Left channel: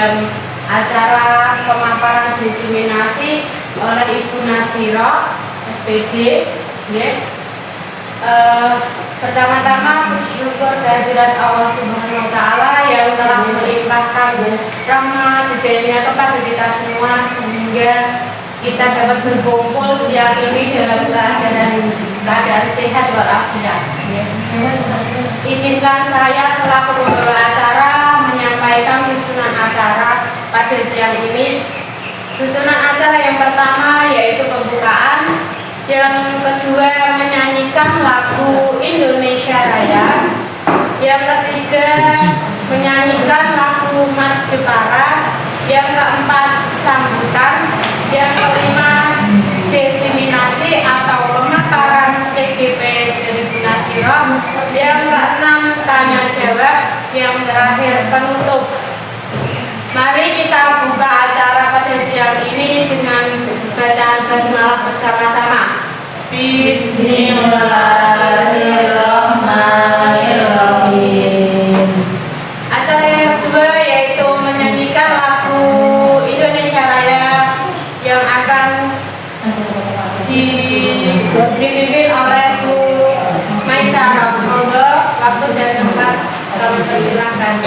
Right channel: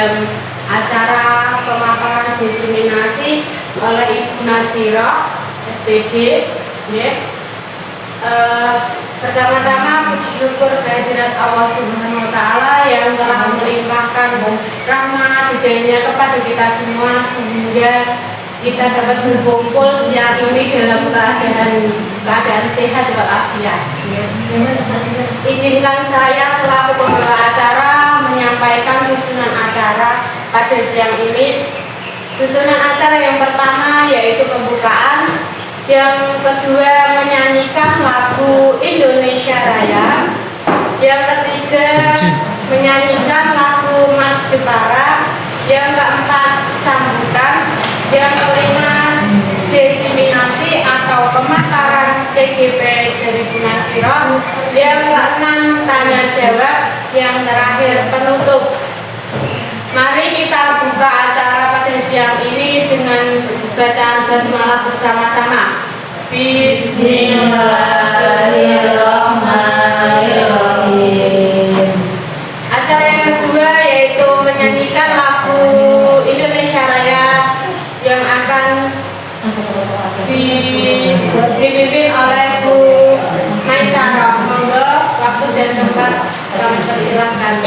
dalam acara pemaparan diseminasi oleh Ibu Nasiro SPD. Pertama-tama puji syukur kehadirat Allah Subhanahu wa Ta'ala yang telah melimpahkan rahmat hidayahnya kepada kita semua sehingga kita dapat berkumpul siang ini dalam keadaan sehat walafiat. Izinkan saya selaku pembawa acara menyampaikan susunan acara pada siang ini. Susunan acara yang pertama yaitu pembukaan, yang kedua menyanyikan lagu Indonesia Raya, yang ketiga menyanyikan lagu Mas Jepara, yang keempat sambutan, yang kelima diseminasi atau pemaparan TGP 2000 Nasiro, yang keenam tanya jawab, yang terakhir penutup. Mari kita buka acara pada siang ini dengan bacaan basmalah bersama-sama. Bismillahirrahmanirrahim. Acara yang kedua yaitu menyanyikan lagu Indonesia Raya yang akan dipimpin oleh Bu Maisarah. Monggo waktu dan tempat kami persilahkan.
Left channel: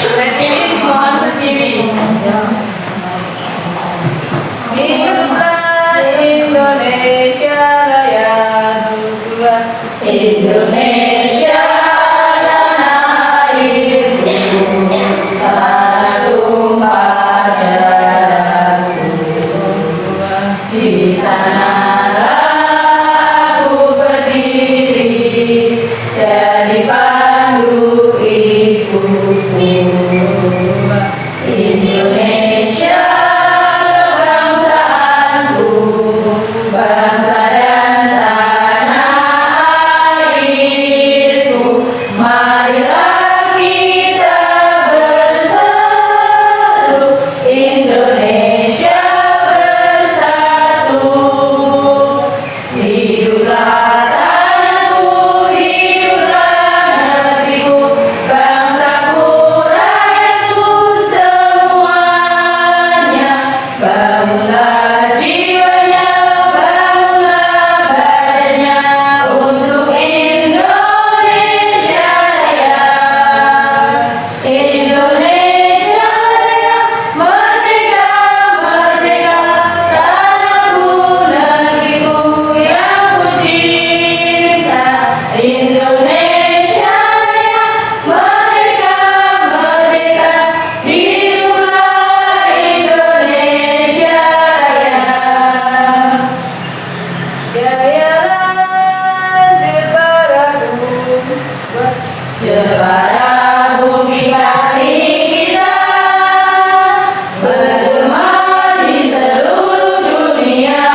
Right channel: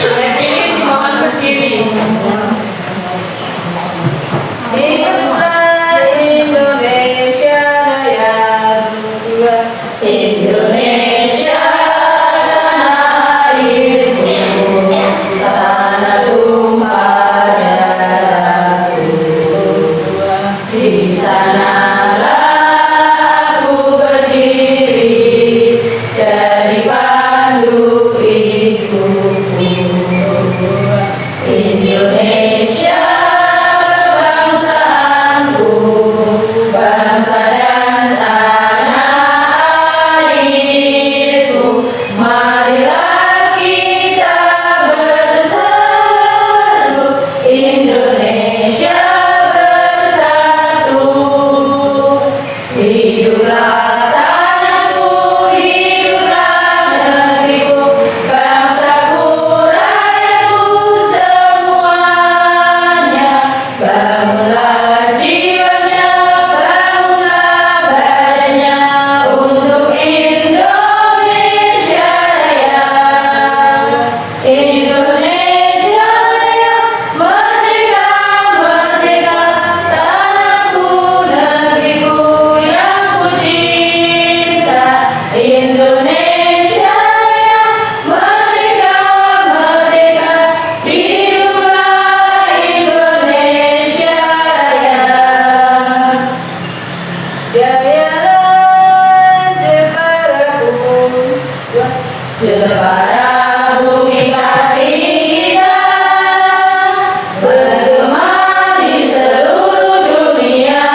Berdiri mohon berdiri. Hiduplah Indonesia Raya, Indonesia tanah airku, tanah tumpah darahku. Di sanalah aku berdiri jadi pandu hidupku. Indonesia kebangsaanku, bangsa dan tanah airku. Marilah kita berseru, Indonesia bersatu. Hiduplah tanahku, hiduplah negeriku, bangsaku, rakyatku semuanya. Bangunlah jiwanya, bangunlah badannya untuk Indonesia Raya. Indonesia Raya, merdeka, merdeka, tanahku, negeriku yang ku cinta. Indonesia Raya, merdeka, merdeka, hiduplah Indonesia Raya. Jayalah Jeparaku, Jepara bumi Kartini kita, bergema di seluruh dunia.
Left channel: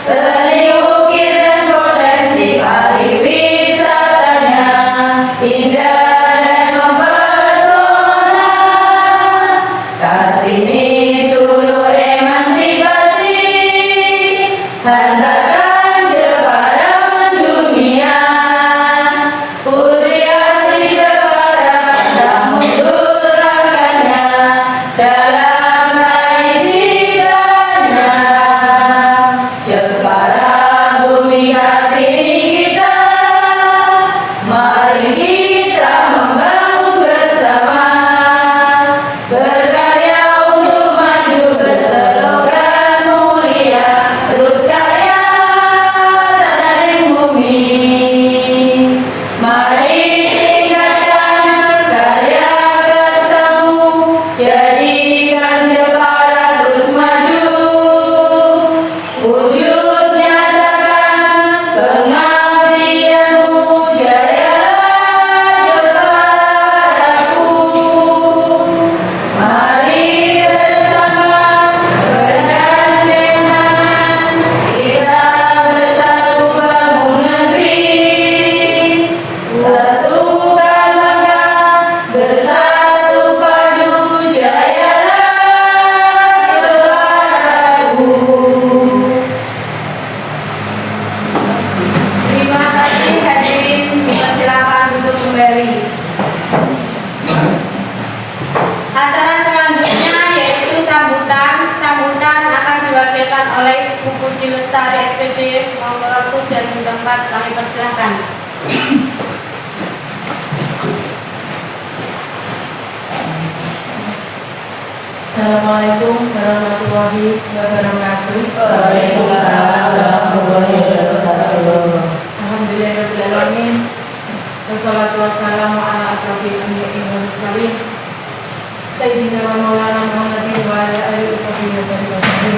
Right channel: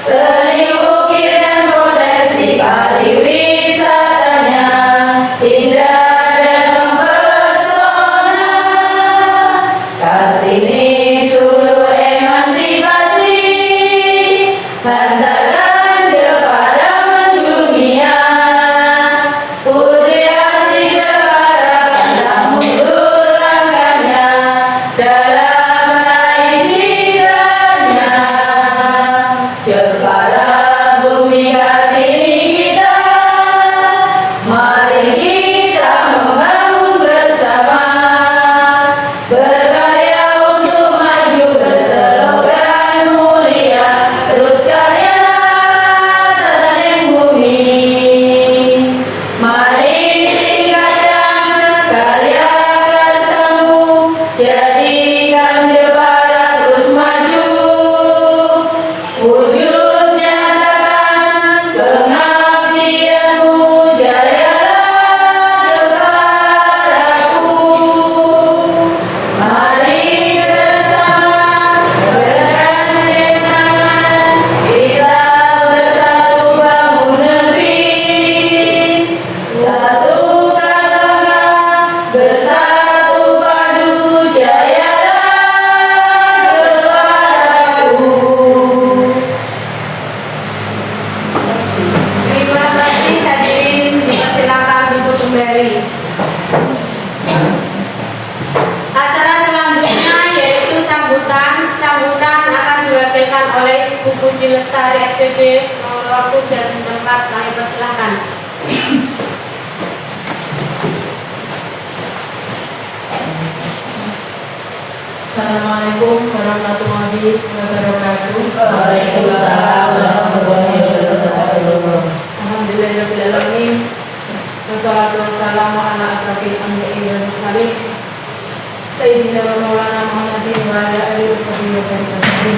Seni ukir dan potensi pariwisatanya indah dan mempesona. Kartini sulur emansipasi, hantarkan Jepara mendunia. Putri asli Jepara tak mundur langkahnya dalam meraih citranya. Jepara bumi Kartini kita, mari kita membangun bersama, berkarya untuk maju berslogan mulia. Terus karya Lestari SPD waktu dan tempat kami persilahkan. Assalamualaikum warahmatullahi wabarakatuh. Waalaikumsalam warahmatullahi wabarakatuh. Alhamdulillahirrahmanirrahim. Wassalatu wassalamu ala asrafil anbiya'i wal mursalin Sayyidina wa maulana Muhammadin wa ala alihi washabihi wa barakatuh.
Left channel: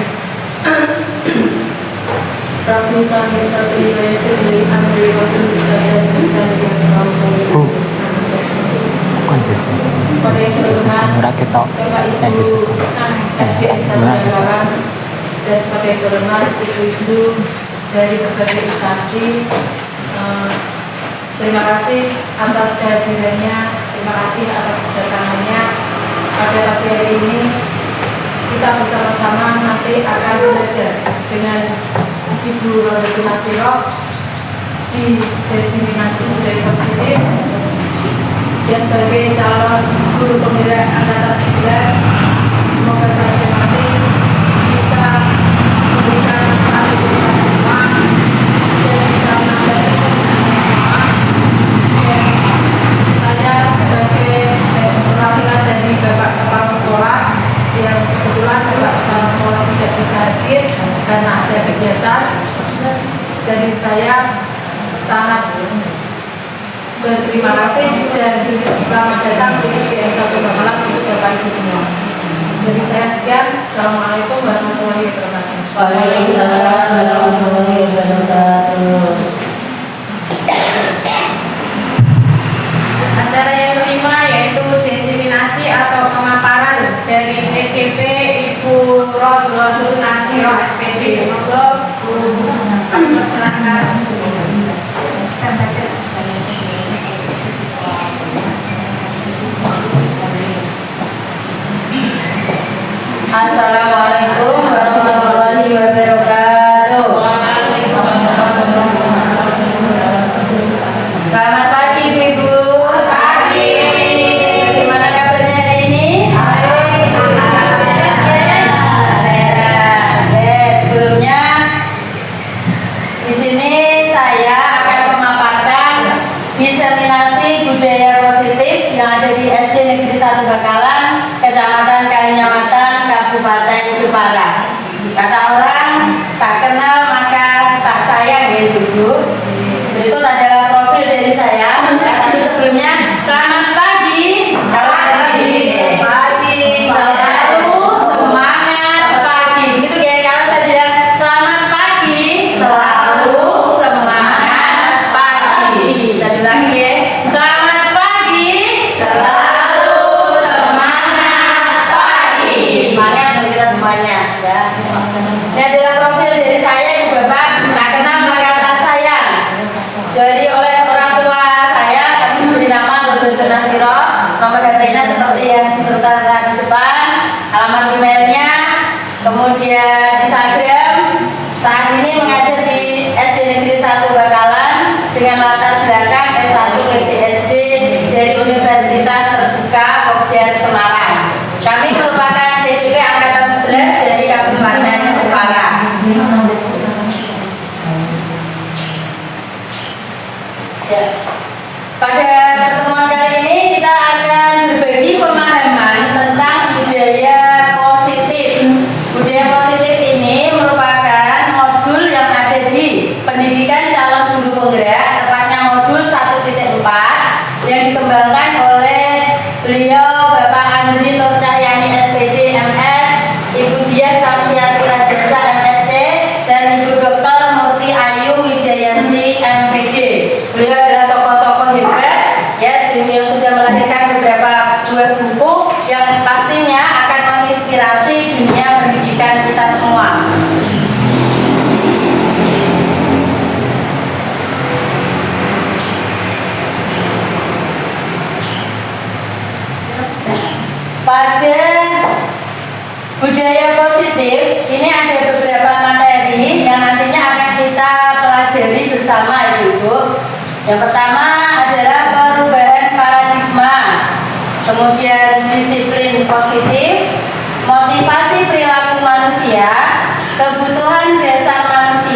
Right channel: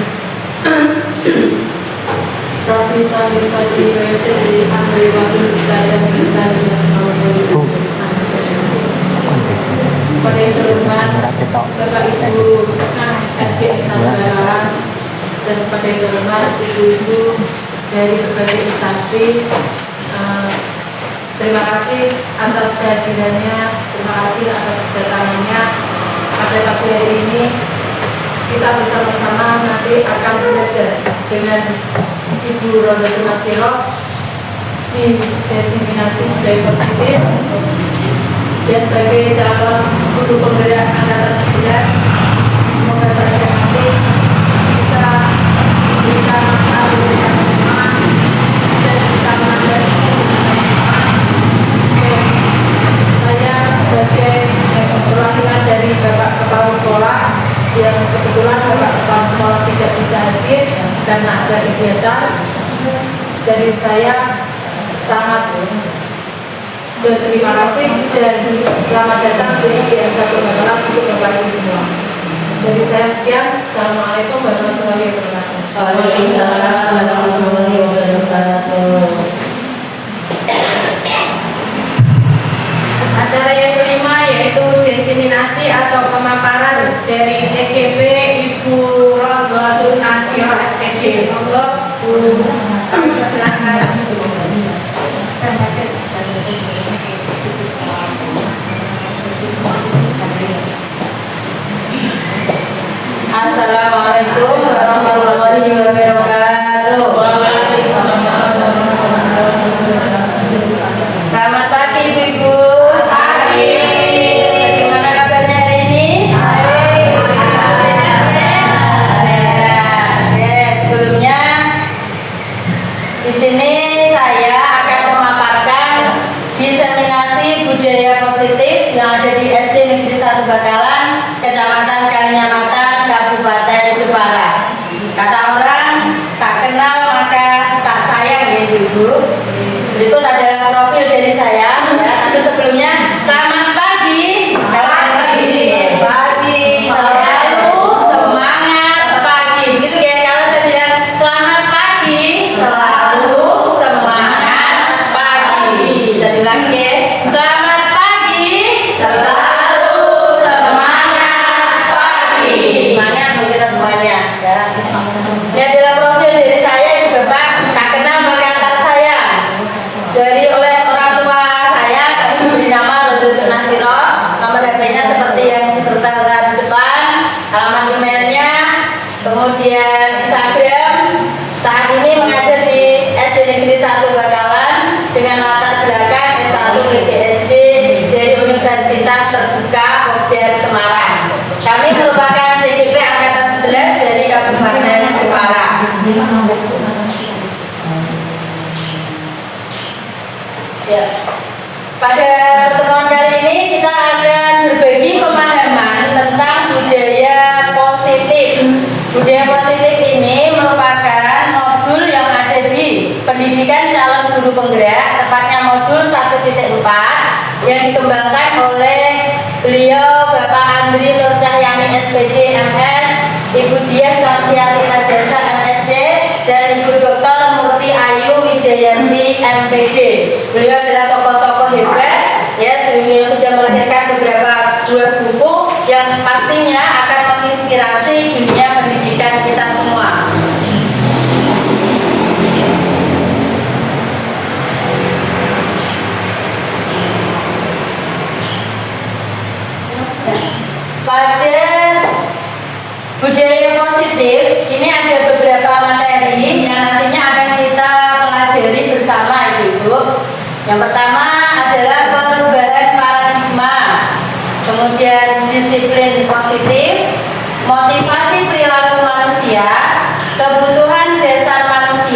Rabbi sami sadri wa yassir li amri wa hlul 'uqdatam min lisani yafqahu qawli. Pada yang terhormat Bapak Ibu SDN Sabdalaran dan pada yang terhormat Ibu-Ibu dari berbagai instansi, terima kasih atas kehadirannya, terima kasih atas kedatangannya. Pada pagi hari ini kita bersama-sama nanti akan belajar dengan Ibu Rodatul Nasirah di diseminasi budaya positif. Dia sebagai calon guru penggerak angkatan 11, semoga saja nanti bisa memberikan aktivitas semua dan bisa menambah semua. Saya sebagai perwakilan dari Bapak Kepala Sekolah yang kebetulan Bapak Kepala Sekolah tidak bisa hadir karena ada kegiatan, dari saya sangat berterima kasih dan selamat datang di SDN 1 Bakalan untuk Bapak Ibu semua. Dari saya sekian, Assalamualaikum warahmatullahi wabarakatuh. Waalaikumsalam warahmatullahi wabarakatuh. Acara yang kelima yaitu diseminasi atau pemaparan dari CGP Ibu Rodatul Nasirah SPD. Monggo Bu silakan. Assalamualaikum warahmatullahi wabarakatuh. Selamat pagi Ibu. Pagi. Gimana kabarnya hari ini? Sebelumnya di sini saya akan memaparkan diseminasi budaya positif yang ada di SD Negeri 1 Bakalan, Kecamatan Kalinyamatan, Kabupaten Jepara. Kata orang, tak kenal maka tak sayang ya Ibu. Berikut adalah profil dari saya. Tapi sebelumnya, selamat pagi. Pagi. Selalu semangat pagi. Begitu ya, kalau saya bilang selamat pagi, selalu semangat pagi. Saya ulang ya. Selamat pagi, selalu semangat pagi. Semangat untuk kita semuanya. Ya. Ini adalah profil dari saya yang Bapak tak kenal maka tak sayang. Jadi oleh orang tua saya kami memberi nama Rodatul Nasirah. Nomor HP-nya seperti yang ditertera di depan, alamat emailnya, kemudian Instagram. Saat ini mengajar di SD Negeri 1 Bakalan dengan latar belakang S1 PTSD dari Universitas Terbuka Pogja Semarang. Kami merupakan CGP Angkatan 11 dari Kabupaten Jepara. Ya. Pada pertemuan kali ini kita akan berbagi pemahaman tentang budaya positif. Budaya positif ini merupakan modul yang ada di pendidikan calon guru penggerak, tepatnya modul 1.4 yang dikembangkan oleh beliau Bapak Andri Nur Cahyani SPD MS, Ibu Diah Samsiati Rajasa MSc, dan Ibu Dr. Murti Ayu Wijayanti MPD. Beliau adalah tokoh-tokoh hebat ya, beliau sudah melahirkan beberapa buah buku yang pastinya akan menginspirasi dunia pendidikan kita semua. Pada budaya positif ini ada beberapa materi yang nantinya akan kita pelajari bersama Ibu. Yang pertama adalah perubahan paradigma, kemudian disiplin positif, motivasi perilaku manusia, kebutuhan dasar manusia,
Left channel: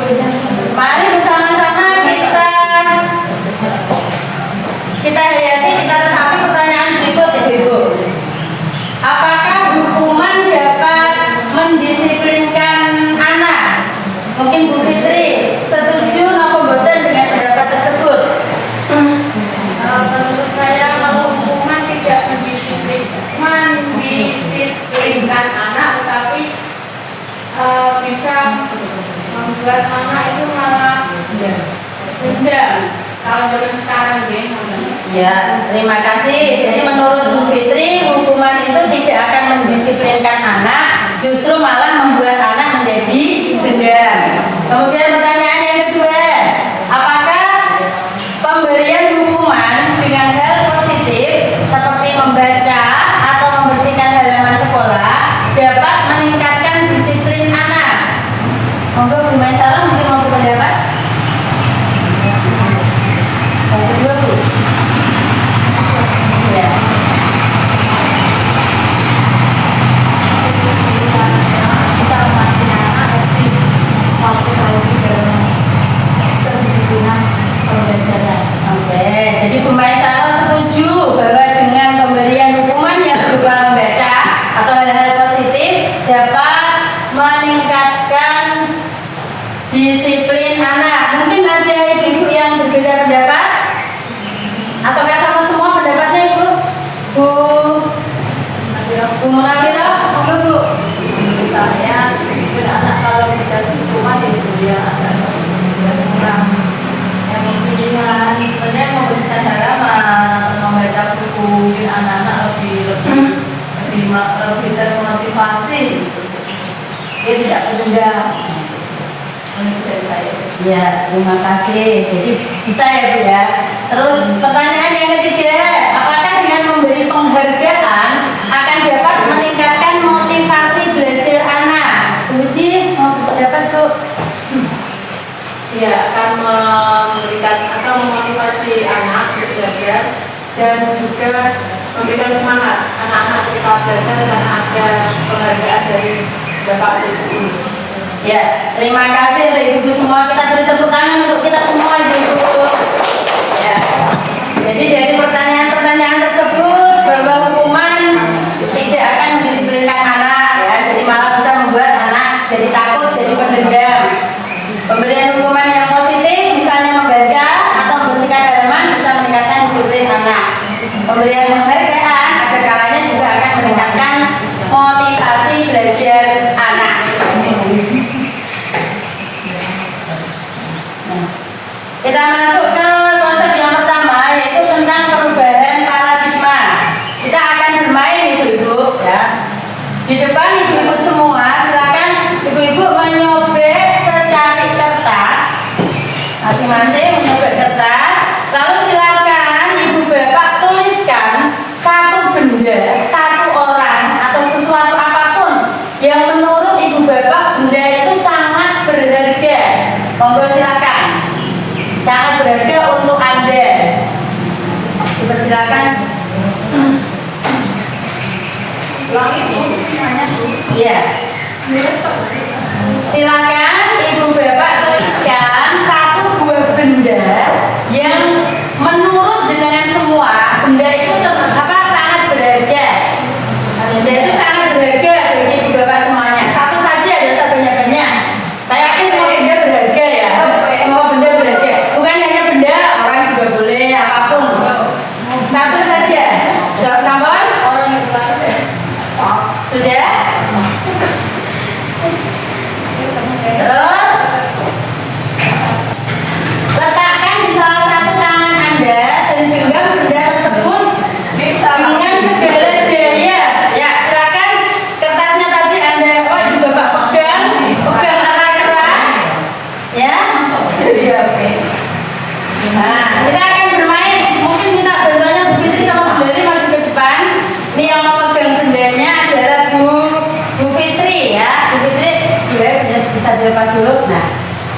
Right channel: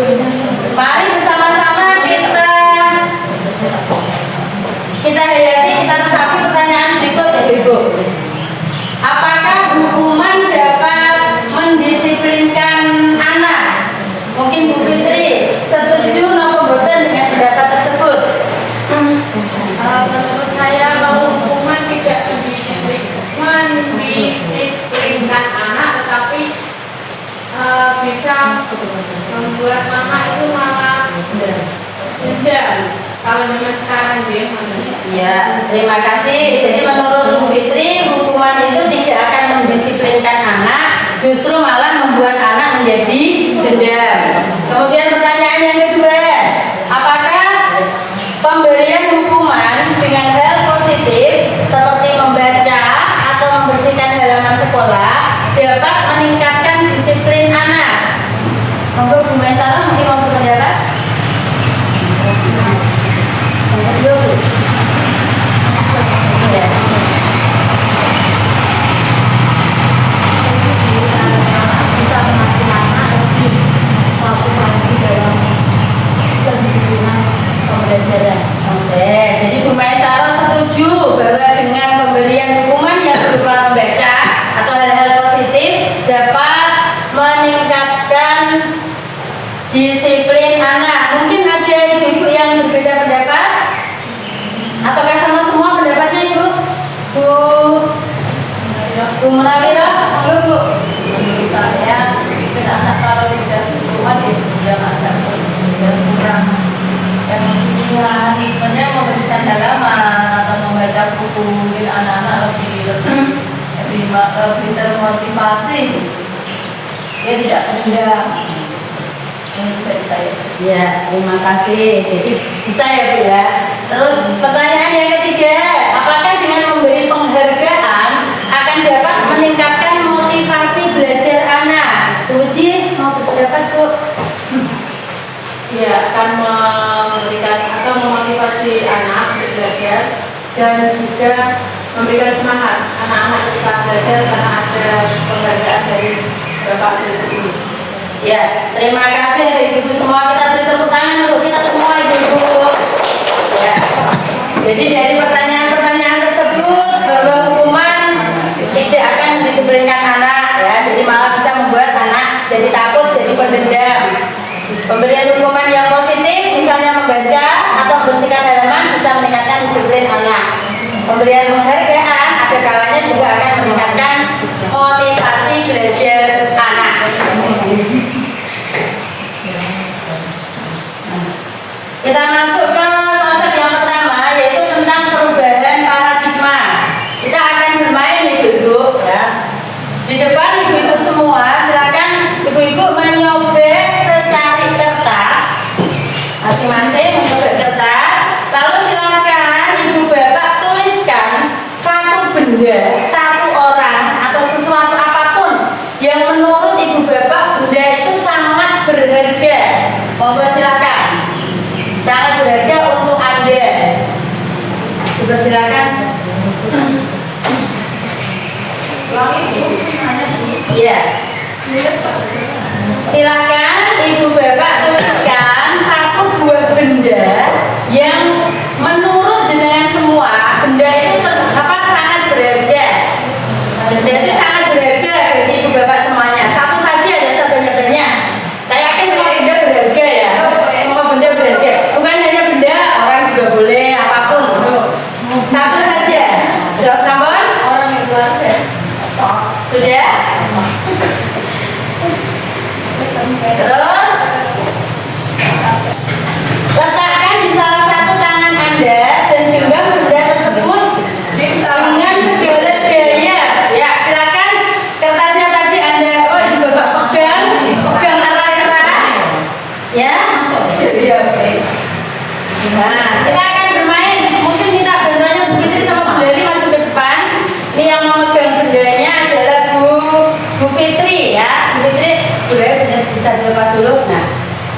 Mari bersama-sama kita hayati, kita resapi pertanyaan berikut ya Ibu. Apakah hukuman dapat mendisiplinkan anak? Mungkin Bu Fitri setuju atau boten dengan pendapat tersebut? Menurut saya kalau hukuman tidak mendisiplinkan anak, tetapi bisa membuat anak itu malah dendam. Kalau zaman sekarang Ya, terima kasih. Jadi menurut Bu Fitri, hukuman itu tidak akan mendisiplinkan anak, justru malah membuat anak menjadi dendam. Kemudian pertanyaan yang kedua, apakah pemberian hukuman dengan hal positif seperti membaca atau membersihkan halaman sekolah dapat meningkatkan disiplin anak? Monggo Bu Maisarah mungkin mau berpendapat? Yang kedua Bu. Ya. Kita mengajar anak lebih fokus lagi dalam kedisiplinan pembelajaran. Oke, jadi Bu Maisarah setuju bahwa dengan pemberian hukuman yang berupa membaca atau hal-hal positif dapat meningkatkan disiplin anak. Mungkin ada ibu-ibu yang berbeda pendapat? Ataukah sama semua pendapatnya Ibu? Bu Munawirah? Bu. Misalnya anak kalau dikasih hukuman itu dia akan kurang yang sebenarnya membersihkan halaman atau membaca buku, mungkin anak-anak lebih termotivasi, dia tidak dendam. Ini dari saya. Ya, terima kasih. Jadi bisa ya Bu ya. Terus pertanyaan yang ketiga, apakah dengan memberi penghargaan akan dapat meningkatkan motivasi belajar anak? Uji mau berpendapat Bu? Dia akan memberikan atau memotivasi anak untuk belajar dan juga memberikan semangat anak-anak kita belajar karena ada penghargaan dari Bapak Ibu. Ya, terima kasih untuk ibu-ibu semua. Kita beri tepuk tangan untuk kita semua ibu-ibu. Ya. Jadi dari pertanyaan-pertanyaan tersebut bahwa hukuman tidak akan mendisiplinkan anak, ya, jadi malah bisa membuat anak jadi takut, jadi pendendam. Pemberian hukuman yang positif, misalnya membaca atau membersihkan halaman, bisa meningkatkan disiplin anak. Pemberian penghargaan ada kalanya juga akan meningkatkan motivasi belajar anak. Kita masuk ke konsep yang pertama, yaitu tentang perubahan paradigma. Kita akan bermain ibu-ibu, ya. Di depan ibu-ibu semua, silakan ibu-ibu menyobek secari kertas, masing-masing menyobek kertas. Lalu silakan ibu bapak tuliskan satu benda, satu orang atau sesuatu apapun yang menurut ibu bapak benda itu sangat berharga. Monggo silakan. Sangat berharga untuk Anda. Dipersilakan. Ya. Silakan ibu bapak tuliskan satu buah benda yang menurut jenengan semua benda itu sangat berharga. Benda itu sangat berharga bagi ibu bapak semuanya. Satu saja, ada sebanyak-banyak. Saya yakin semua benda berharga ya. Semua benda berharga. Bukan hanya benda, orang juga boleh apapun. Satu saja. Jawab sampun? Sudah? Terus letakkan di salah satu tangan Anda dan genggam benda tersebut dengan segala gaya. Ya, silakan kertasnya tadi Anda juga pegang erat-erat. Ya, ya, oke. Nah, kita akan bermain. Mungkin minta bantuannya Bu Fitri sama Bu Dari maju ke depan. Ini yang memegang bendanya adalah Bu Fitri ya. Bu Fitri, Bu Dari bisa dilepas dulu. Nah,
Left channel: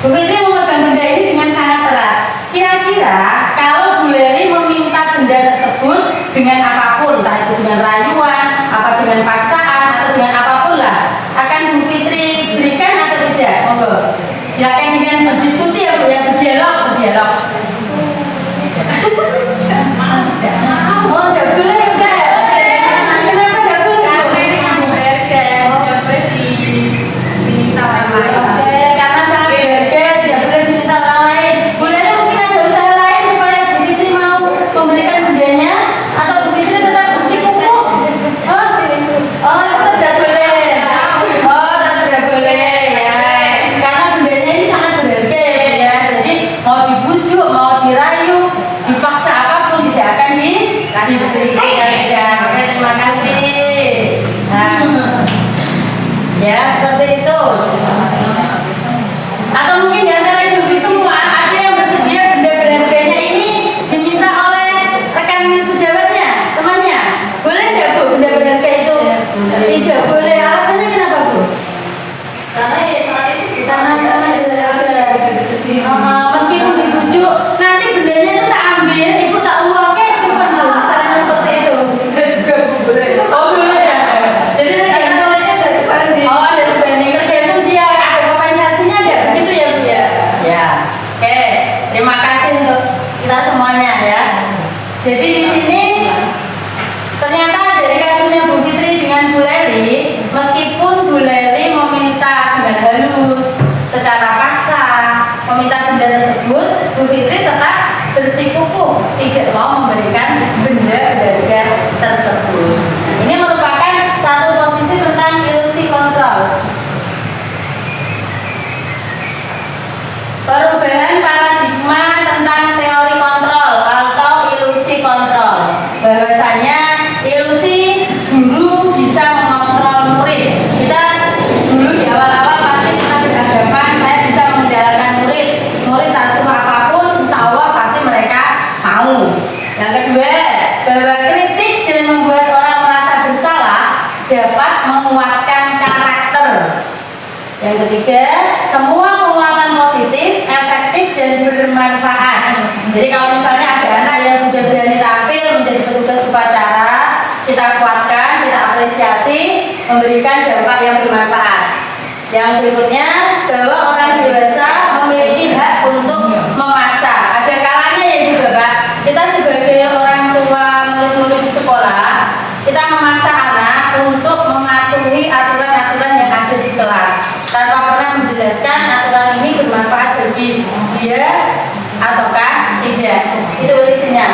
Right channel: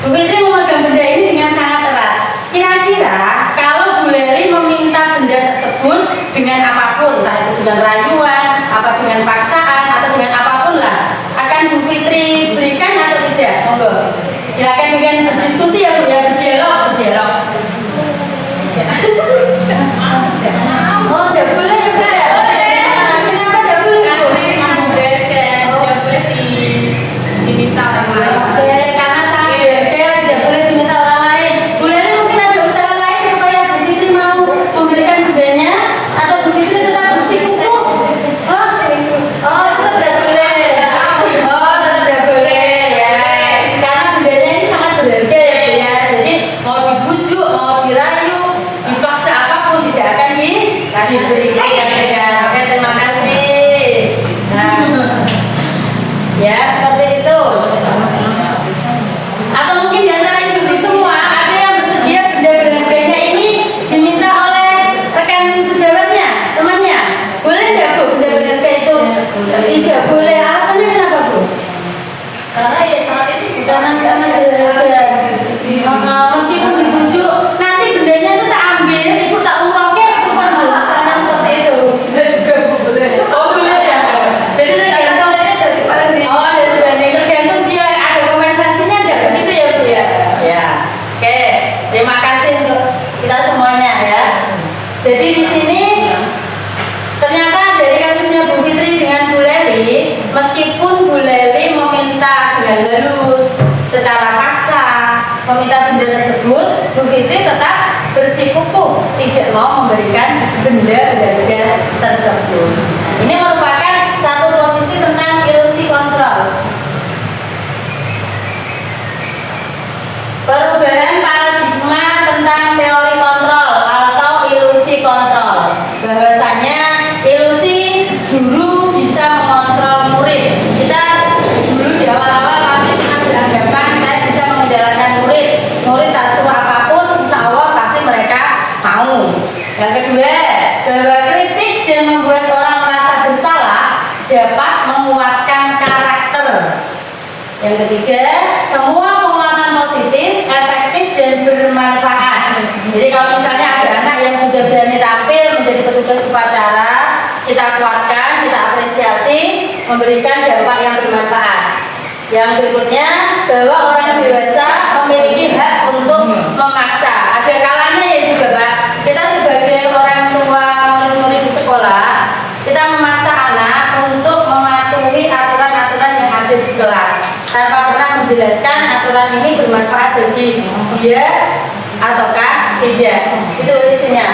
Bu Fitri memegang benda ini dengan sangat erat. Kira-kira kalau Bu Leri meminta benda tersebut dengan apapun, entah itu dengan rayuan, apa dengan paksaan, atau dengan apapun lah, akan Bu Fitri berikan atau tidak? Monggo. Silakan dengan berdiskusi ya Bu ya, berdialog. Oh, enggak boleh ya Kak ya? Kenapa enggak boleh? Diminta orang lain. Oke, karena sangat berharga, tidak boleh diminta orang lain. Bolehnya mungkin ada usaha lain supaya Bu Fitri mau memberikan budayanya, atau Bu Fitri tetap bersikukuh. Oh, tidak boleh. Oh, tidak boleh ya. Karena budayanya ini sangat berharga ya Bu ya. Jadi mau dibujuk, mau dirayu, dipaksa apapun tidak akan diberikan. Oke, terima kasih. Nah, ya seperti itu. Atau mungkin di antara ibu-ibu semua ada yang bersedia benda berharganya ini diminta oleh rekan sejawatnya, temannya. Boleh nggak Bu benda berharga itu? Tidak boleh. Alasannya kenapa Bu? Karena ya saat itu Sangat berharga. Meskipun dibujuk, nanti bendanya itu tak ambil, ibu tak umrohkan, itu kan alasannya seperti itu. Saya juga boleh. Oh boleh ya. Jadi tergantung. Oh, ada sebanding, tergantung dia ada kompensasinya enggak begitu ya Bu ya? Ya. Oke, terima kasih untuk kita semuanya ya. Jadi di sini ternyata dari kasusnya Bu Fitri dengan Bu Leli, meskipun Bu Leli meminta dengan halus, secara paksa, meminta benda tersebut, Bu Fitri tetap bersikukuh tidak mau memberikan benda berharga tersebut. Ini merupakan satu posisi tentang ilusi kontrol. Perubahan paradigma tentang teori kontrol atau ilusi kontrol. Bahwasanya ilusi guru bisa mengontrol murid. Kita dulu di awal-awal pasti pernah beranggapan saya bisa mengendalikan murid. Murid tak suka apapun, insya Allah pasti mereka mau. Yang kedua, bahwa kritik dan membuat orang merasa bersalah dapat menguatkan karakter. Yang ketiga, semua penguatan positif, efektif dan bermanfaat. Jadi kalau misalnya ada anak yang sudah berani tampil menjadi petugas upacara, kita kuatkan, kita apresiasi, memberikan dampak yang bermanfaat. Yang berikutnya, bahwa orang dewasa memiliki hak untuk memaksa. Ada kalanya ya Ibu Bapak, kita sebagai orang tua murid-murid di sekolah, kita memaksa anak untuk mematuhi aturan-aturan yang ada di kelas tanpa pernah menjelaskan aturan ini bermanfaat bagi dia ataukah tidak. Itu isinya.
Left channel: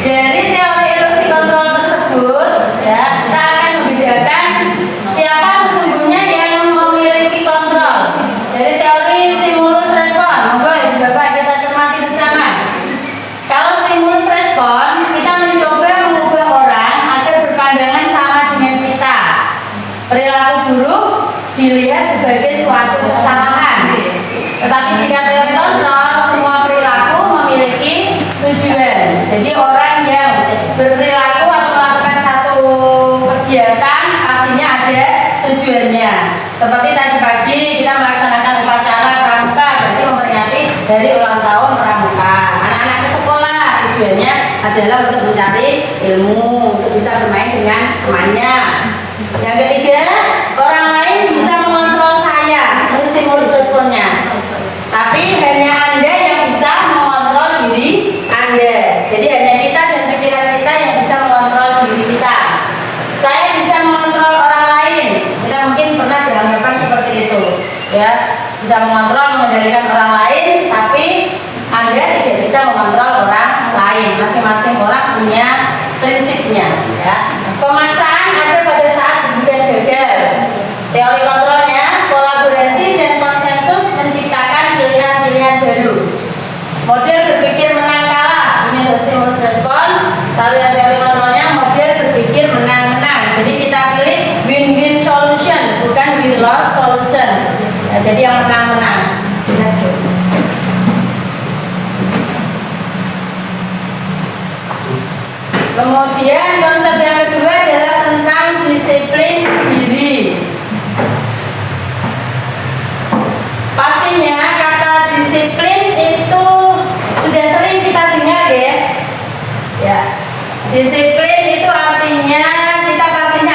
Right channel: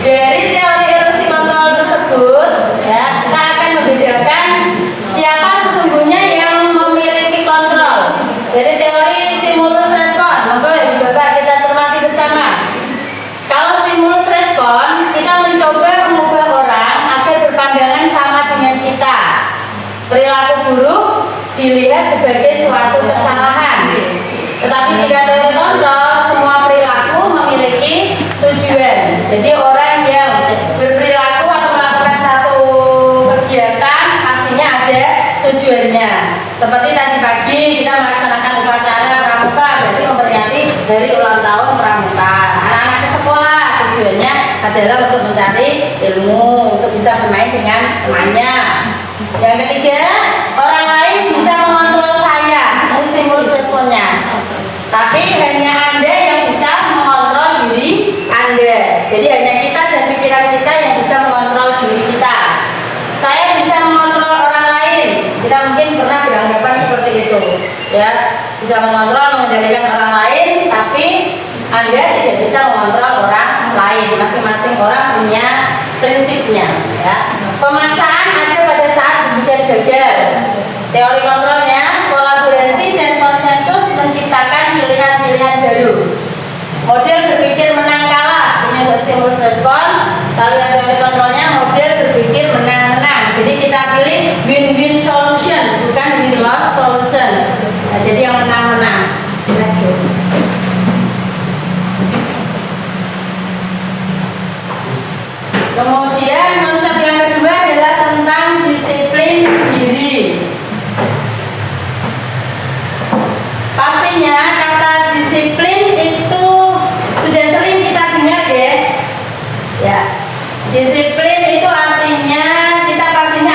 Dari teori ilusi kontrol tersebut, ya, kita akan membedakan siapa sesungguhnya yang memiliki kontrol. Dari teori stimulus respon, monggo Ibu Bapak kita cermati bersama. Kalau stimulus respon, kita mencoba mengubah orang agar berpandangan sama dengan kita. Perilaku buruk dilihat sebagai suatu kesalahan. Tetapi jika teori kontrol, semua perilaku memiliki tujuan. Jadi orang yang berperilaku atau melakukan satu kegiatan pastinya ada tujuannya. Seperti tadi pagi kita melaksanakan upacara pramuka, berarti memperingati hari ulang tahun pramuka. Anak-anak ke sekolah tujuannya adalah untuk mencari ilmu, untuk bisa bermain dengan temannya. Yang ketiga, orang lain bisa mengontrol saya, itu stimulus responnya. Tapi hanya Anda yang bisa mengontrol diri Anda. Jadi hanya kita dan pikiran kita yang bisa mengontrol diri kita. Saya bisa mengontrol orang lain. Kita mungkin pernah beranggapan seperti itu, ya, bisa mengontrol, mengendalikan orang lain, tapi Anda tidak bisa mengontrol orang lain. Masing-masing orang punya prinsipnya, ya. Pemaksaan ada pada saat ujian gagal. Teori kontrolnya, kolaborasi dan konsensus menciptakan pilihan-pilihan baru. Model berpikir menang kalah, ini untuk stimulus respon. Lalu yang teori kontrolnya, model berpikir menang-menang. Jadi kita pilih win-win solution, bukan win-loss solution. Nah, jadi yang menang-menang. Kemudian konsep yang kedua adalah tentang disiplin diri. Pastinya kata disiplin itu sudah sering kita dengar ya. Ya, disiplin itu artinya kita pastinya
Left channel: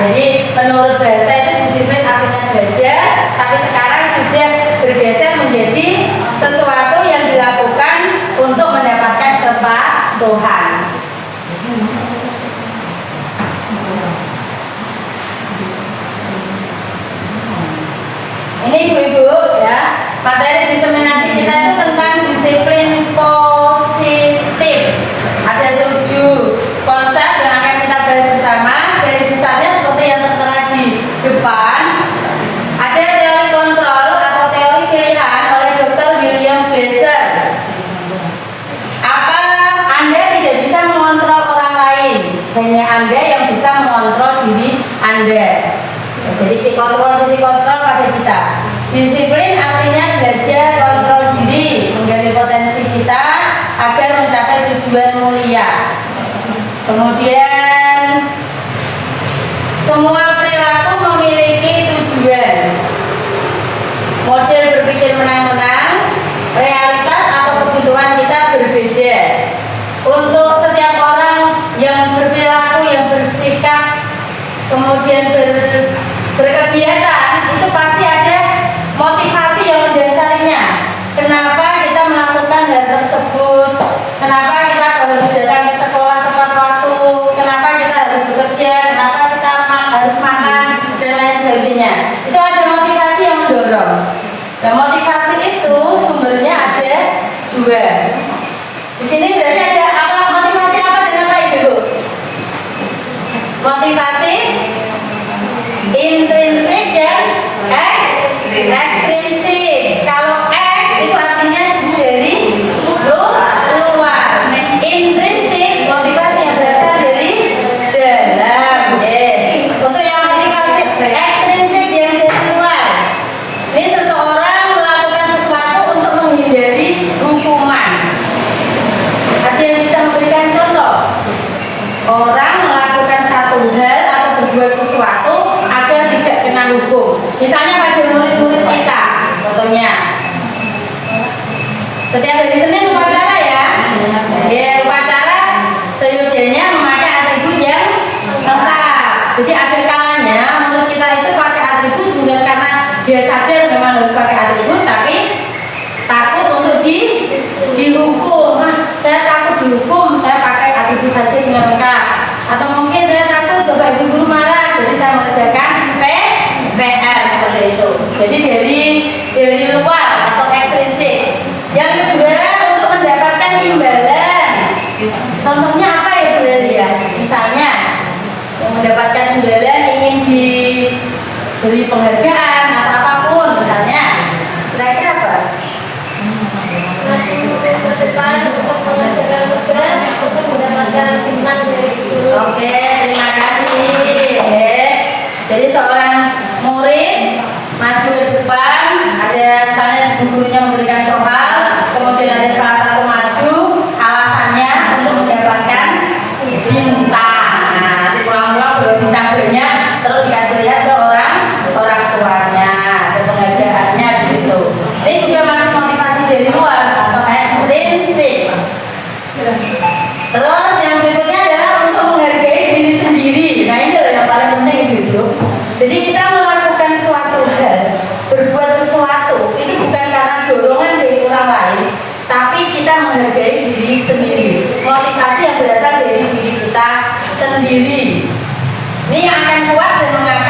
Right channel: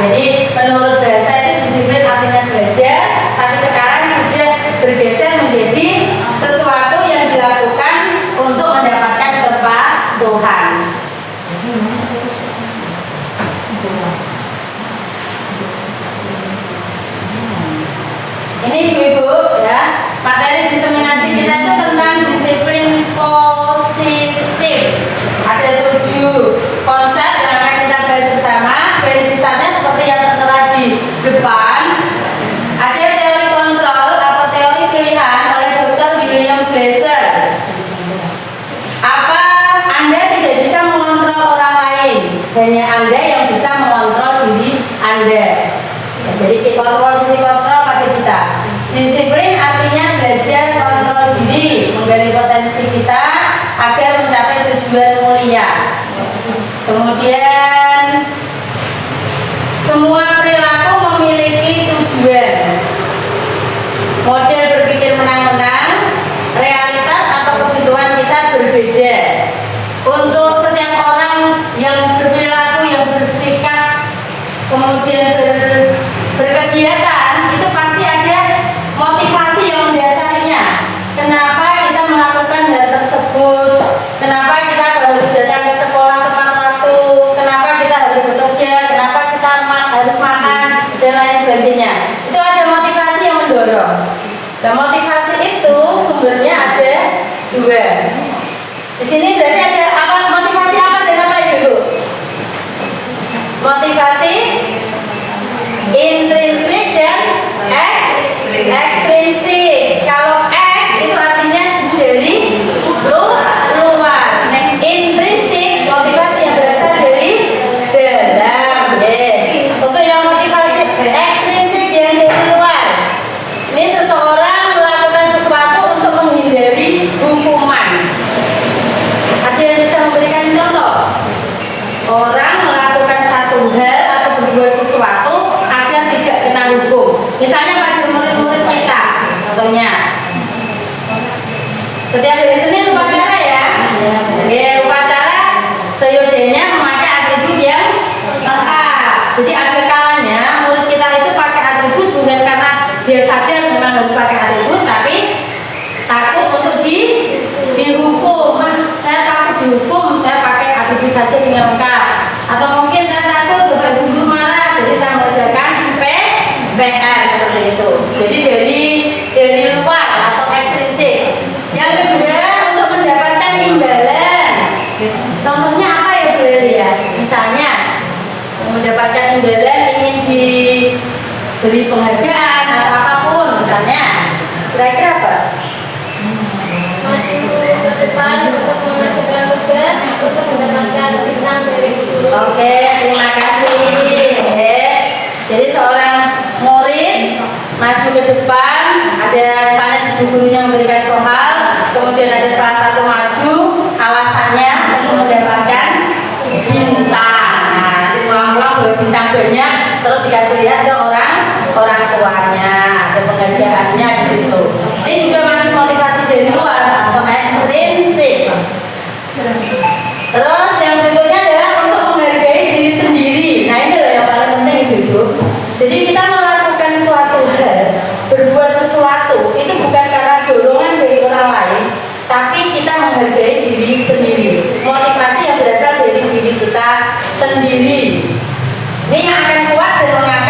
Jadi menurut bahasa itu disiplin artinya belajar, tapi sekarang sudah bergeser menjadi sesuatu yang dilakukan untuk mendapatkan kepatuhan. Ini ibu-ibu ya, materi diseminasi kita itu tentang disiplin positif. Ada 7 konsep yang akan kita bahas bersama. Dari besarnya seperti yang tertera di depan. Ada teori kontrol atau teori pilihan oleh Dr. William Glasser. Apa Anda tidak bisa mengontrol orang lain, hanya Anda yang bisa mengontrol diri Anda. Ya, jadi posisi kontrol pada kita. Disiplin artinya belajar kontrol diri, menggali potensi kita agar mencapai tujuan mulia. Kemudian semua perilaku memiliki tujuan. Model berpikir menang-menang, realitas atau kebutuhan kita berbeda. Untuk setiap orang yang berperilaku, yang bersikap, kemudian berkegiatan, itu pasti ada motivasi yang mendasarinya. Kenapa kita melakukan hal tersebut? Kenapa kita harus datang ke sekolah tepat waktu? Kenapa kita harus bekerja? Kenapa kita harus makan dan lain sebagainya? Itu ada motivasi yang mendorong. Dan motivasi itu sumbernya ada 2. Di sini berarti ada apa? Motivasi apa dan apa ibu? Motivasi intrinsik dan ekstrinsik. Kalau X itu artinya dari luar. Intrinsik motivasi yang berasal dari dalam. Untuk yang motivasi ekstrinsik yang dari luar, ini seseorang melakukan sesuatu untuk menghindari hukuman. Ada yang bisa memberikan contoh? Orang melakukan satu hal atau berbuat sesuatu agar tidak kena hukum. Misalnya pada murid-murid kita, contohnya setiap hari Senin upacara ya. Ya, upacara seyogyanya memakai atribut yang lengkap. Jadi ada kalanya murid kita itu pakai atribut bukan karena dia sadar memang harus pakai atribut, tapi takut untuk dihukum. Saya takut dihukum, saya pakai atribut saja dengan lengkap. Atau mungkin saya takut bapak ibu guru marah, jadi saya mengerjakan PR seperti itu. Jadi dari luar atau ekstrinsik. Yang kedua, untuk mendapatkan imbalan. Contohnya apa ya Bu ya? Misalnya mendapatkan imbalan, ingin diberi penghargaan atau apapun misalnya. Kira-kira apa? Ke depan untuk menyelesaikan tugas untuk mendapatkan bintang dari guru. Oke, terima kasih. Jadi seorang murid maju ke depan, ada misalnya gurunya memberikan soal, kemudian ada salah satu maju, alasannya untuk mendapatkan bintang. Nah, pulang-pulang bawa bintang banyak, terus dikasih lihat ke orang tuanya, ada penghargaannya di situ. Ini juga masih motivasi dari luar atau ekstrinsik. Terus yang berikutnya adalah untuk menghargai diri sendiri. Nah ini adalah yang paling penting ibu. Jadi kita melakukan suatu hal, berbuat sesuatu itu bukan karena dorongan dari orang lain, tapi kita menghargai diri sendiri. Motivasi yang berasal dari diri kita sendiri. Ini yang akan kuat dan mengangkat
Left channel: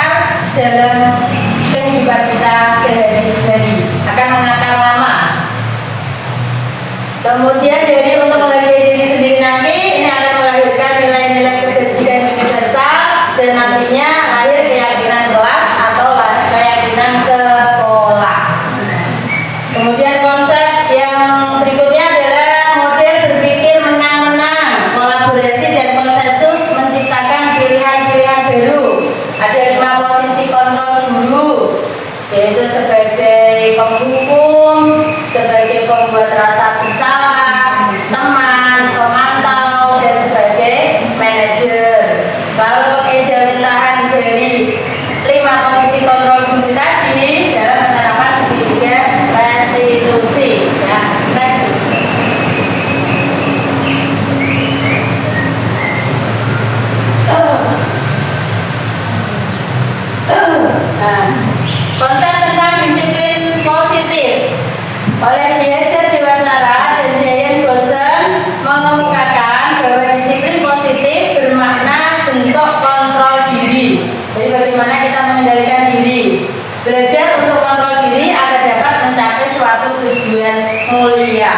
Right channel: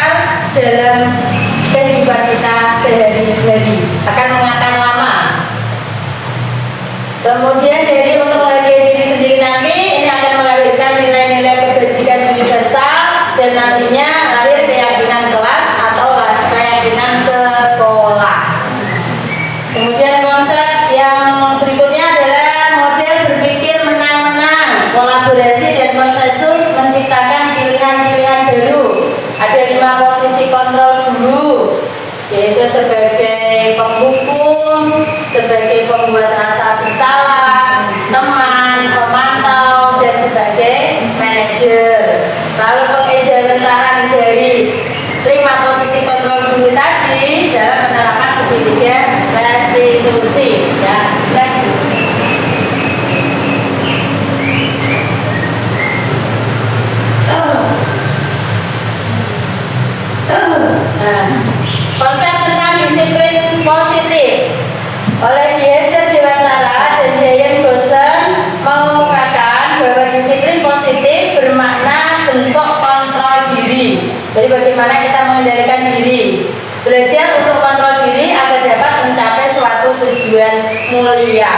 oleh Diezer Dewantara dan Jayan Gosen mengemukakan bahwa disiplin positif bermakna bentuk kontrol diri. Jadi bagaimana kita mengendalikan diri, belajar untuk kontrol diri agar dapat mencapai suatu tujuan mulia.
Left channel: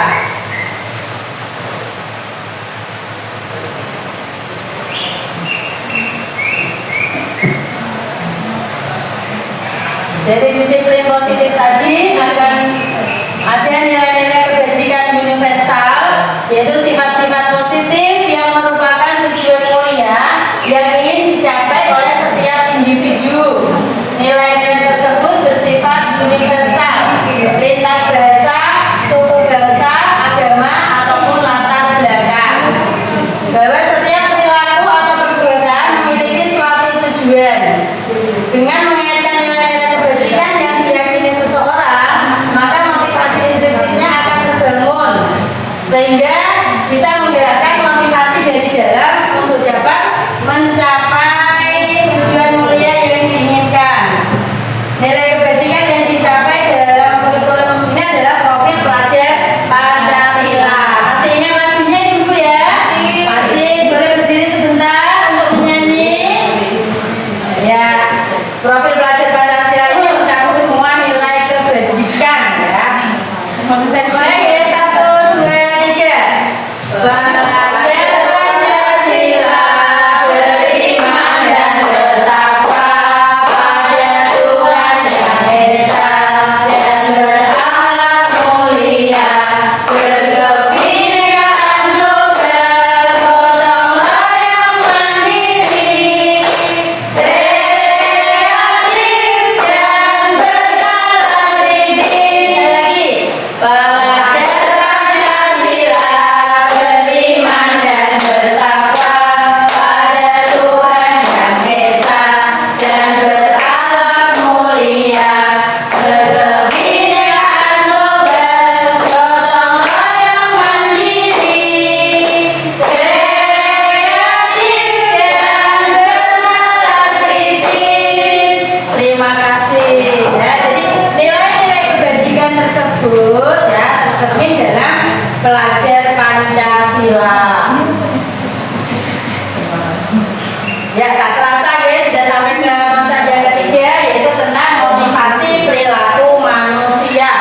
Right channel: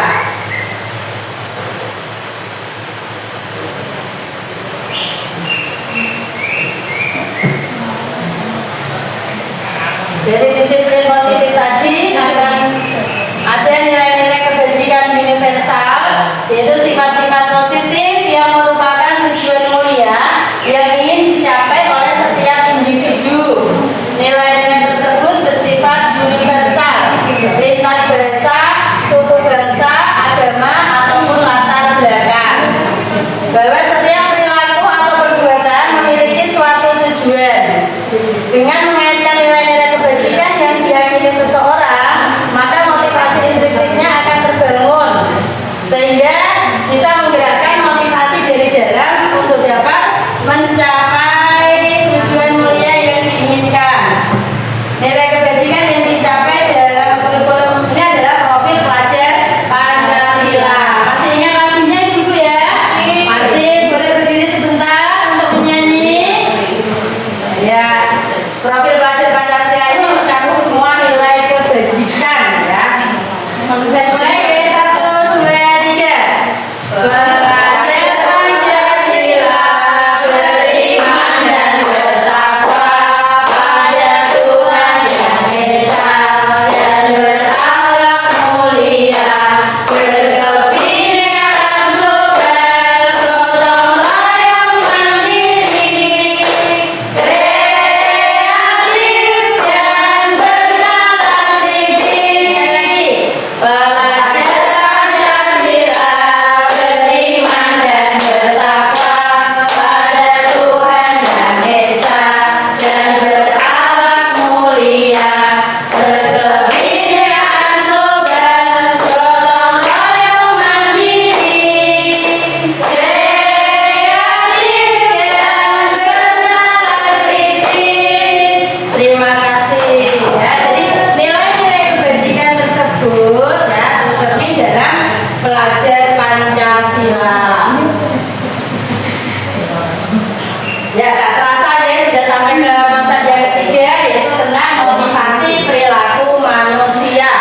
Jadi disiplin positif tadi akan ada nilai-nilai kebajikan universal, yaitu sifat-sifat positif yang merupakan tujuan mulia yang ingin dicapai oleh setiap individu. Nilai-nilai tersebut bersifat universal, lintas bahasa, suku bangsa, agama, ataupun latar belakang. Bahwa setiap perilaku atau perbuatan memiliki suatu tujuan. Dengan mengaitkan nilai-nilai kebajikan yang diyakini seseorang, maka motivasi intrinsiknya akan terbangun, sehingga bisa menggerakkan motivasi dari dalam untuk dapat mencapai tujuan mulia yang diinginkan. Nilai kebajikan yang dicapai dalam kurikulum ini adalah profil pelajar Pancasila. Masih ingat lagunya Ibu ya? Masih. Boleh berdiri sebentar untuk menyanyi? Ya. Profil pelajar Pancasila ini mencakup semua nilai kebajikan ya. Bisa mulai ya, 1, 2, 3. Pelajar Pancasila beriman dan bertakwa pada Tuhan Yang Esa dan berakhlak mulia, berkebinekaan global, gotong royong mandiri, kreatif dan bernalar kritis. Lagi, pelajar Pancasila beriman dan bertakwa pada Tuhan Yang Esa dan berakhlak mulia, berkebinekaan global, gotong royong mandiri, kreatif dan bernalar kritis. Terima kasih ya. Jadi nilai-nilai kebajikan tersebut ya tercermin dalam pelajar Pancasila. Ya, gak terasa ya sudah sampai ke konsep yang ketiga, yaitu tentang motivasi perilaku manusia.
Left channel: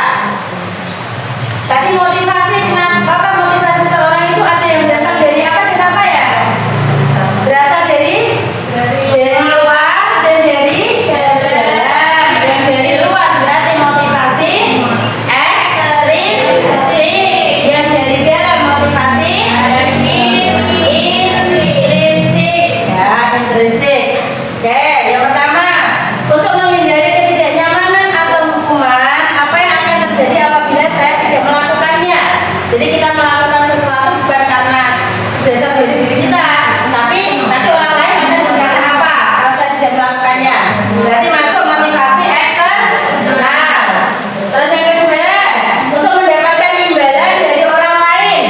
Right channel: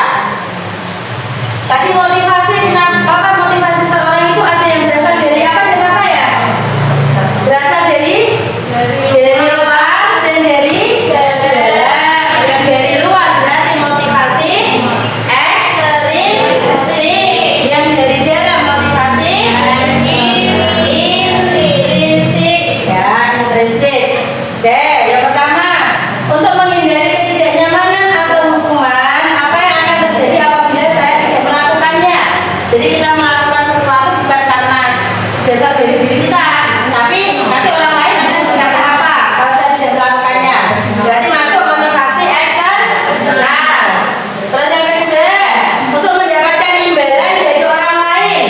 Tadi motivasi, kenapa motivasi seorang itu ada yang berasal dari apa kata saya? Berasal dari luar dan dari dalam. Yang dari luar berarti motivasi ekstrinsik, yang dari dalam motivasi intrinsik ya, intrinsik. Oke, yang pertama, untuk menghindari ketidaknyamanan atau hukuman, apa yang akan terjadi apabila saya tidak melakukannya? Jadi kita melakukan sesuatu bukan karena dasar dari diri kita, tapi nanti orang lain akan berkata apa kalau saya tidak melakukannya. Berarti masuk motivasi eksternal. Terus yang kedua, untuk mendapatkan imbalan dari orang lain.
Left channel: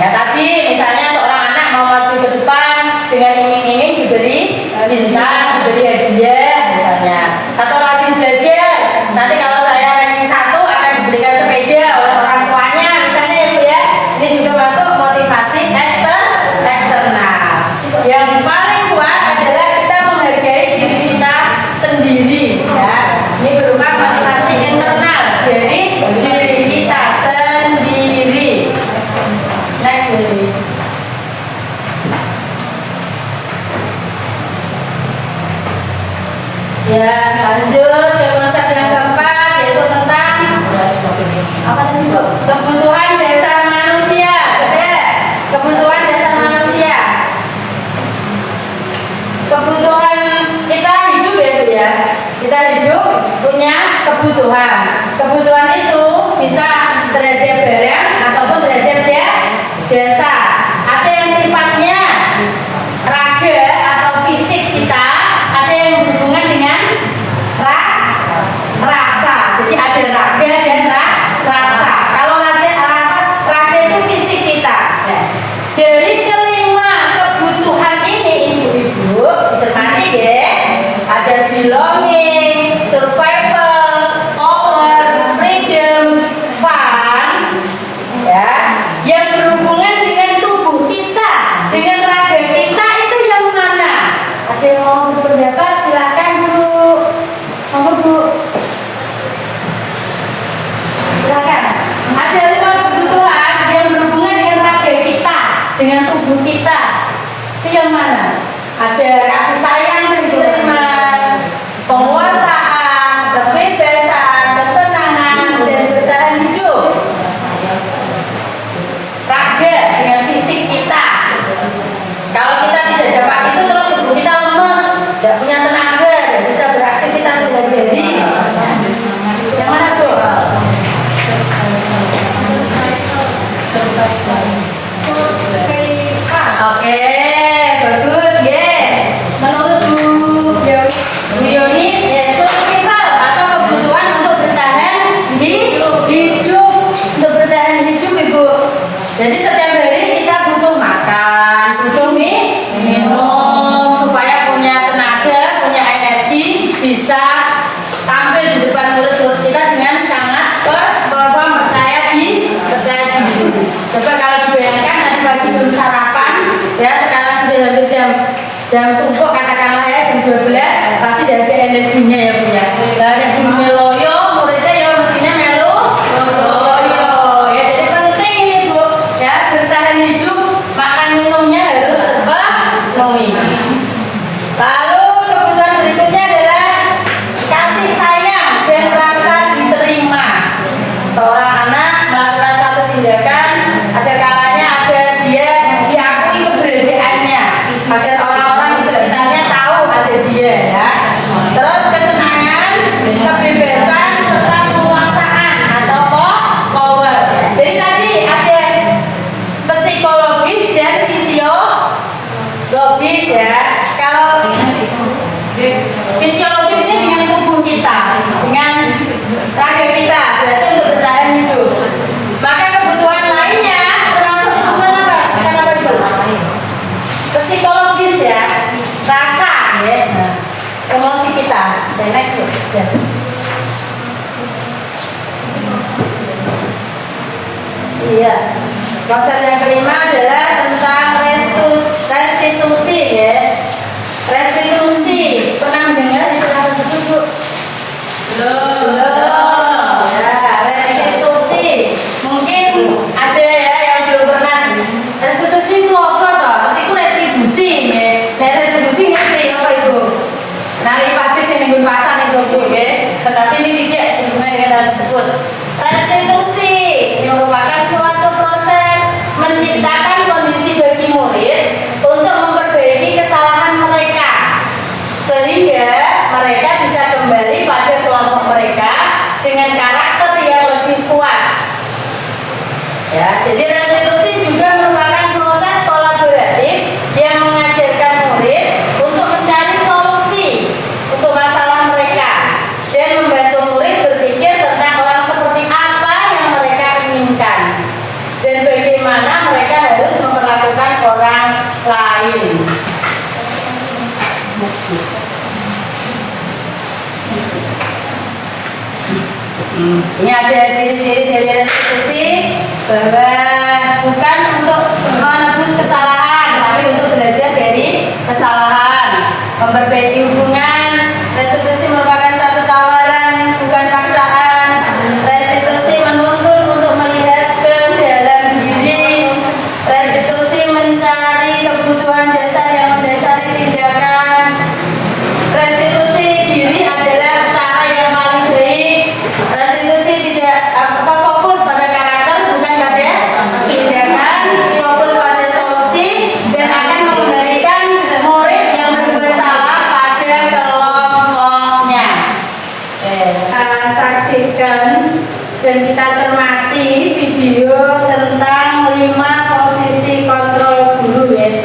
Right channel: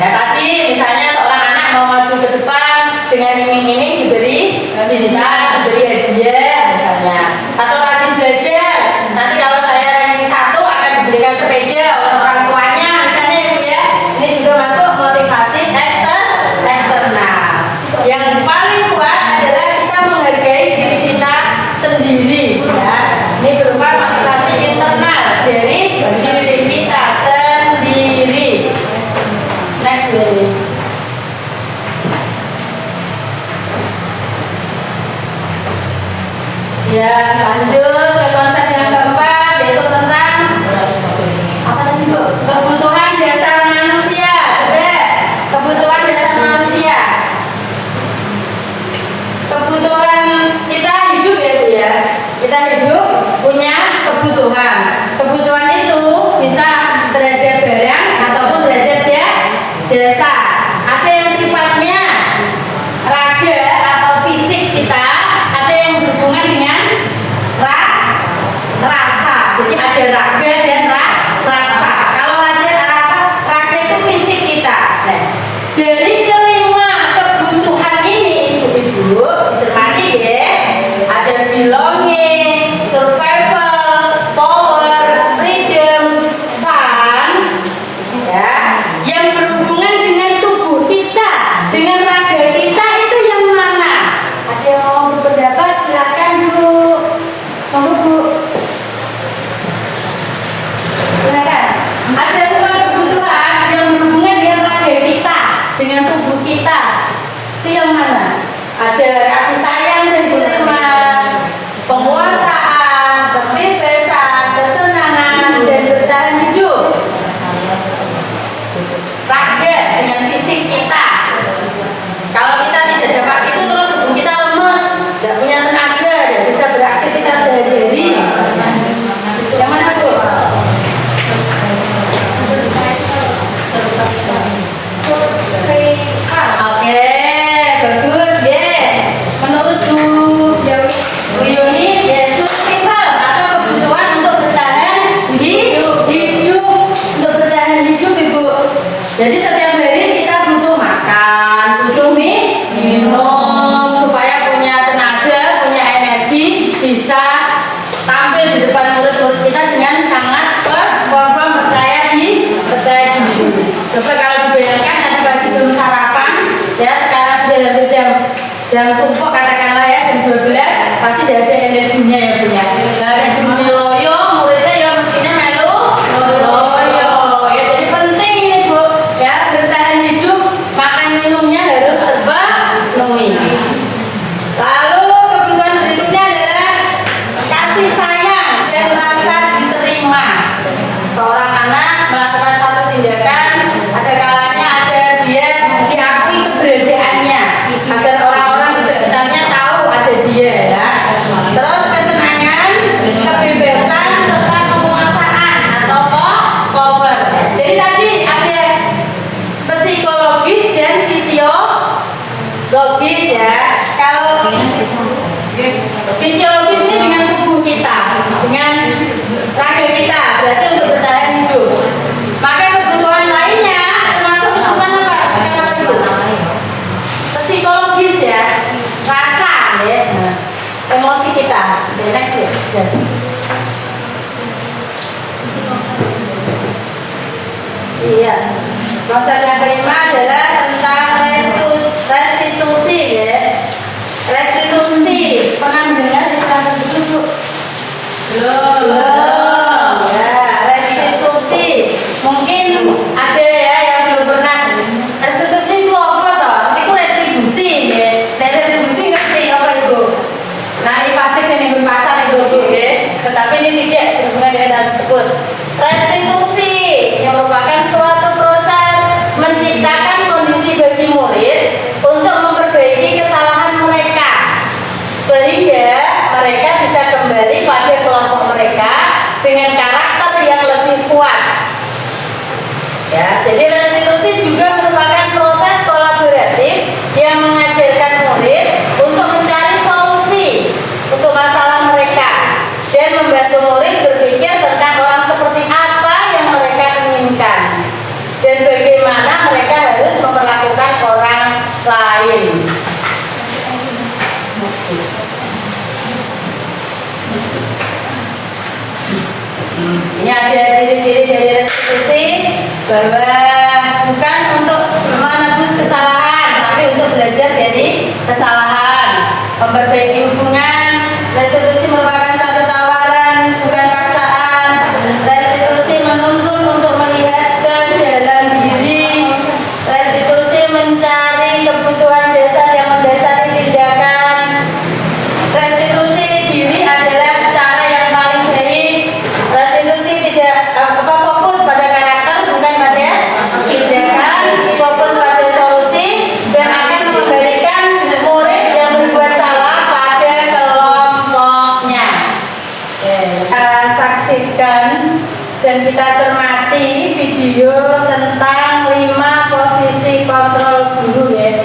Ya tadi misalnya seorang anak mau maju ke depan dengan iming-iming diberi bintang, diberi hadiah misalnya, atau rajin belajar. Nanti kalau saya ranking 1 akan diberikan sepeda oleh orang tuanya misalnya Ibu ya. Ini juga masuk motivasi eksternal. Yang paling kuat adalah kita menghargai diri kita sendiri ya. Ini berupa motivasi internal dari diri kita sendiri. Next baby. Ya, lanjut ke konsep yang keempat, yaitu tentang apa tadi Bu? Kebutuhan dasar manusia. Ada kebutuhan dasar manusia. Kebutuhan kita hidup ya Bu ya. Kita hidup punya kebutuhan. Kebutuhan itu bisa terhadap barang ataupun terhadap jasa. Ada yang sifatnya raga atau fisik kita, ada yang berhubungan dengan rasa. Jadi ada raga dan rasa. Kalau raga itu fisik kita. Nah, dari kelima kebutuhan ini ibu-ibu dicermati ya, ada belonging, survival, power, freedom, bisa tampil di depan murid-murid kita dengan sangat perform percaya diri. Coba kalau dibayangkan tadi pagi belum sarapan, ya sekarang sudah hampir jam tumpuk katakanlah ya jam 12, pasti tidak ada energinya ya Bu ya. Tidak ada energinya loyo, muridnya ya mestinya melu loyo. Ya jadi penting ini Bu, ya bertahan hidup, makan minumnya harus terpenuhi. Lalu kebutuhan berikutnya adalah kasih sayang dan rasa diterima. Seorang anak melakukan satu tindakan, ada kalanya ada dia diakui keberadaannya agar orang-orang di sekitarnya tahu ada dia ya. Terus kesenangan, kebebasan serta penguasaan atau power. Jadi tadi ada psikologis dan fisiologis ya. Kalau fisiologis ini dengan tubuh kita, dengan raga kita, berarti untuk bertahan hidup. Maka kebutuhan lainnya termasuk kebutuhan apa itu? Psikologis ya, rasa ya, emosi kita. Next ya. Iya. Konsep yang kelima adalah tentang restitusi ya. Restitusi, pernah mendengar istilah tersebut? Belum. Ya, restitusi. Mungkin ada ya yang belum pernah. Restitusi itu apa toh? Itu retribusi ya. Retribusi ngerti apa itu? Nari pasti sini pun pasang itu ya. Tetapi ini tidak berhubungan dengan hal tersebut. Restitusi yang merupakan suatu proses menciptakan kondisi bagi murid untuk memperbaiki kesalahan mereka sehingga mereka bisa kembali pada kelompok mereka dengan karakter yang lebih kuat. Ya, jadi restitusi juga merupakan proses kolaboratif yang mengajarkan murid untuk mencari solusi untuk masalah mereka dan membantu murid berpikir tentang orang seperti apa yang mereka inginkan dan bagaimana mereka harus memperlakukan orang lain. Ini ada ciri-ciri dari restitusi bahwa bukan untuk menebus kesalahan, tapi untuk belajar dari kesalahan, memperbaiki hubungan. Restitusi merupakan satu tawaran, bukan paksaan. Restitusi menuntun untuk melihat ke dalam diri. Restitusi mencari kebutuhan dasar yang mendasari tindakan. Restitusi diri adalah cara yang paling baik. Restitusi tidak fokus pada karakter, bukan pada tindakan, fokus pada solusi dan akan mengembalikan murid yang berbuat salah pada kelompoknya. Kita saksikan dan kita cermati video tentang 5 posisi kontrol guru ya.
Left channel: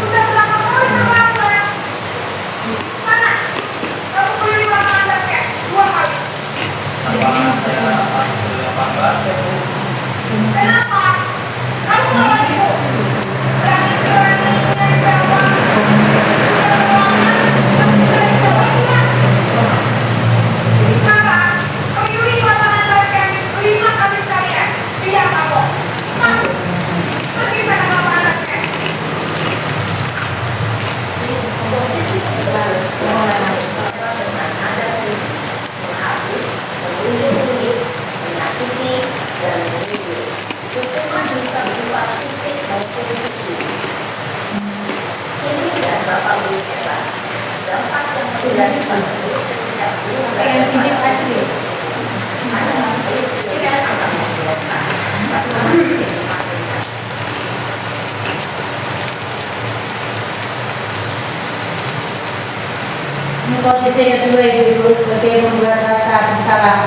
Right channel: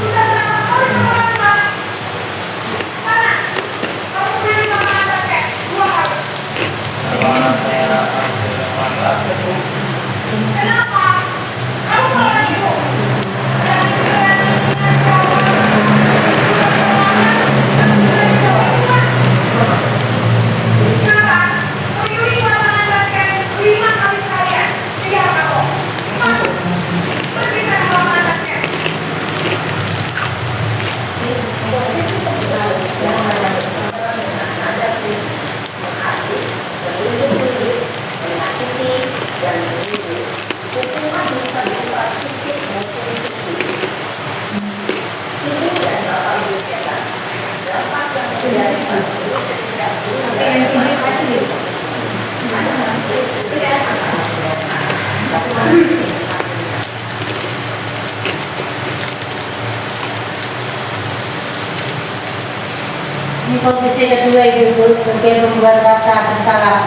Sudah berapa kali kamu lakukan? Sana, kamu beli lapangan basket 2 kali. Lapangan saya pasti lapangan basket. Kenapa? Kamu keluar ibu. Berani-beraninya jawab. Sudah jawabnya. Sekarang, kamu beli lapangan basket. yang kedua Ibu sebagai membuat rasa bersalah.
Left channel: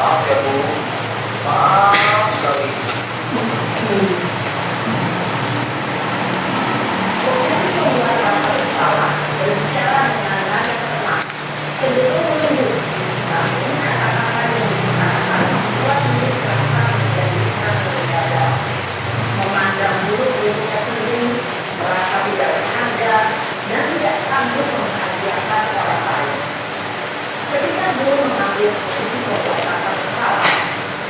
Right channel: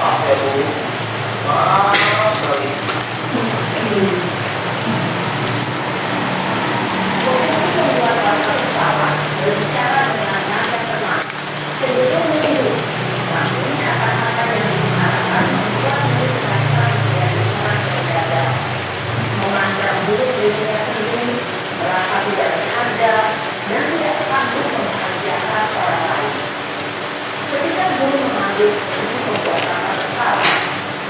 Maaf ya Bu, maaf sekali. Posisi membuat rasa bersalah berbicara dengan nada tenang, cenderung menunduk, namun kata-kata yang digunakan membuat murid merasa menjadi orang berbeda, memandang buruk dirinya sendiri, merasa tidak berharga, dan tidak sanggup membahagiakan orang lain. Ketika guru mengambil posisi membuat rasa bersalah,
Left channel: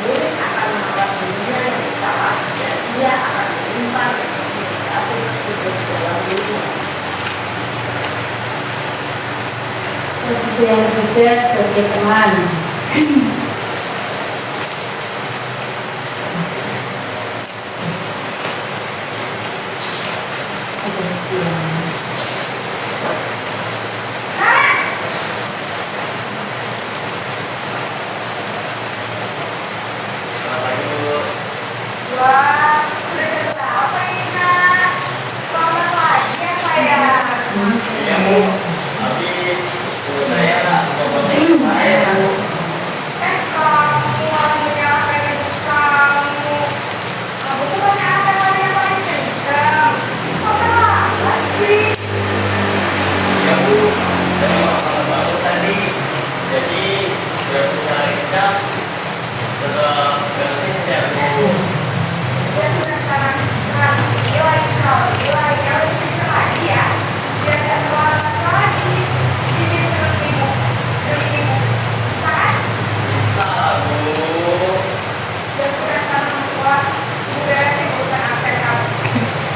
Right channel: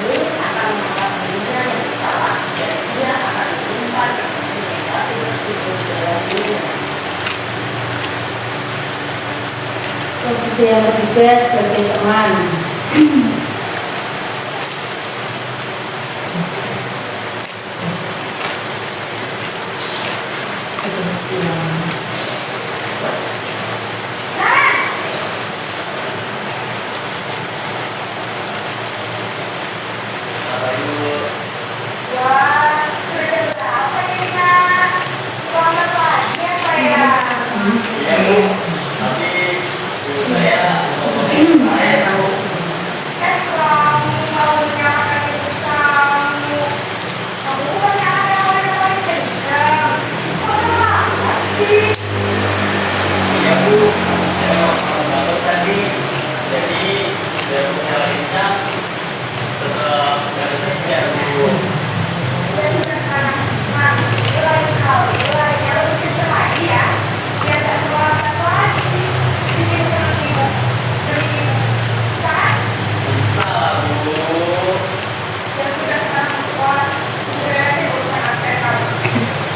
murid akan menganggap dirinya yang bersalah dan dia akan menyimpan emosi negatif tersebut dalam dirinya. Posisi yang ketiga sebagai teman. Apa yuk? Wah, sudah berapa ini nak? Konten lagi ya saya. Iya Bu, habis Bu saya mau kemarin Bu. Kamu kalau menyalahkan ibu kamu tuh banyak hal yang paling kencang. Konten apa sih? Iya Bu, saya mau malam banget tadi. Jadi biar bisa kencang, tetap gak kencang Bu. Ya sudah sana. Nah, ini lain yang lebih kencang lagi ya. Biar gak terlambat lagi. Jadi lebih sangat. Bisa Bu. Ya sudah sana masuk kelas. Udah sih urusan aksen kamu.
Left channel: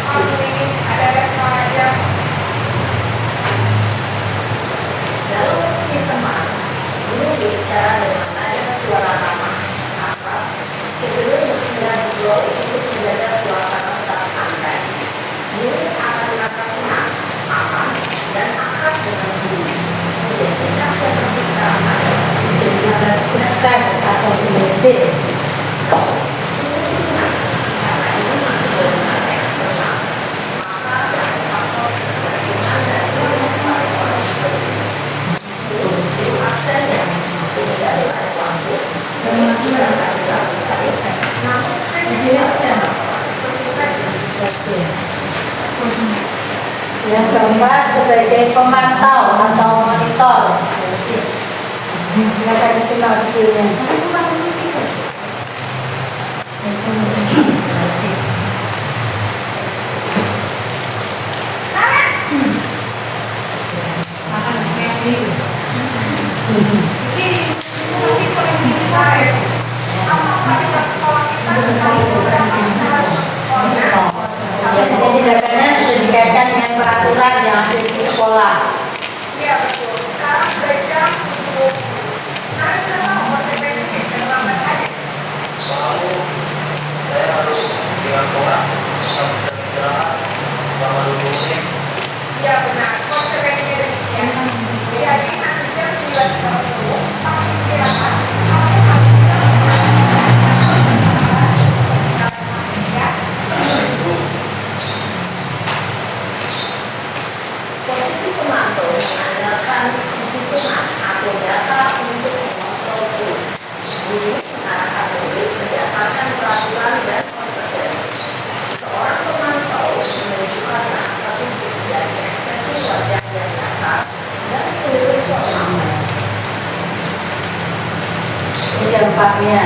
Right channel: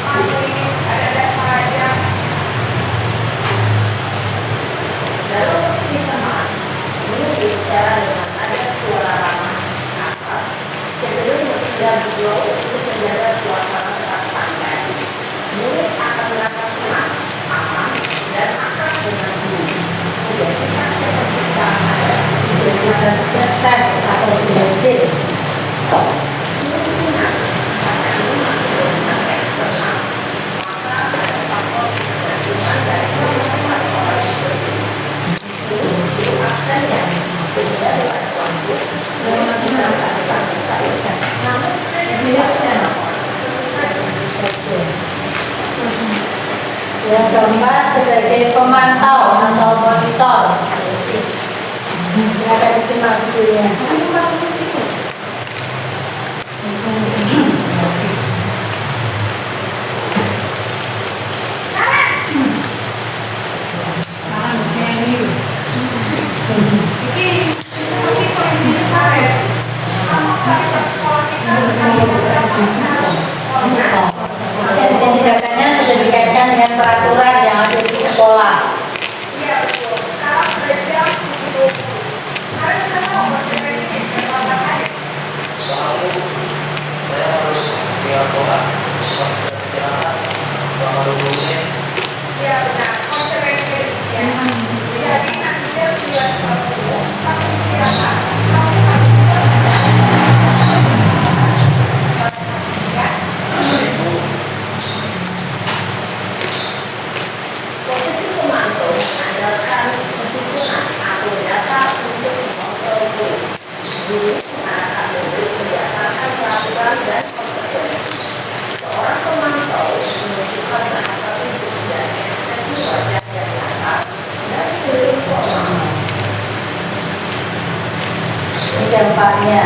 Kamu ini ada saja. Dalam posisi teman, guru berbicara dengan nada suara ramah, akrab, cenderung bersiar beliau untuk menjaga suasana tetap santai. Murid akan merasa senang, aman, dan akrab dengan guru. Identitas yang tercipta adalah identitas Sukses atau berhasil. Murid ingat, karena ini masuk dengan eksternal, maka ada faktor ketergantungan dari orang orang berbeda. Guru aksennya sehingga berat waktu memang bisa bisa namun Yang keempat sebagai pemantau atau monitor. Silakan disimak videonya. Jadi tindakannya sudah dikaitkan dengan peraturan yang ada di sekolah. Iya betul. Sekarang sudah jam 7. Kalian sudah tahu konsekuensinya. Ini keempatnya.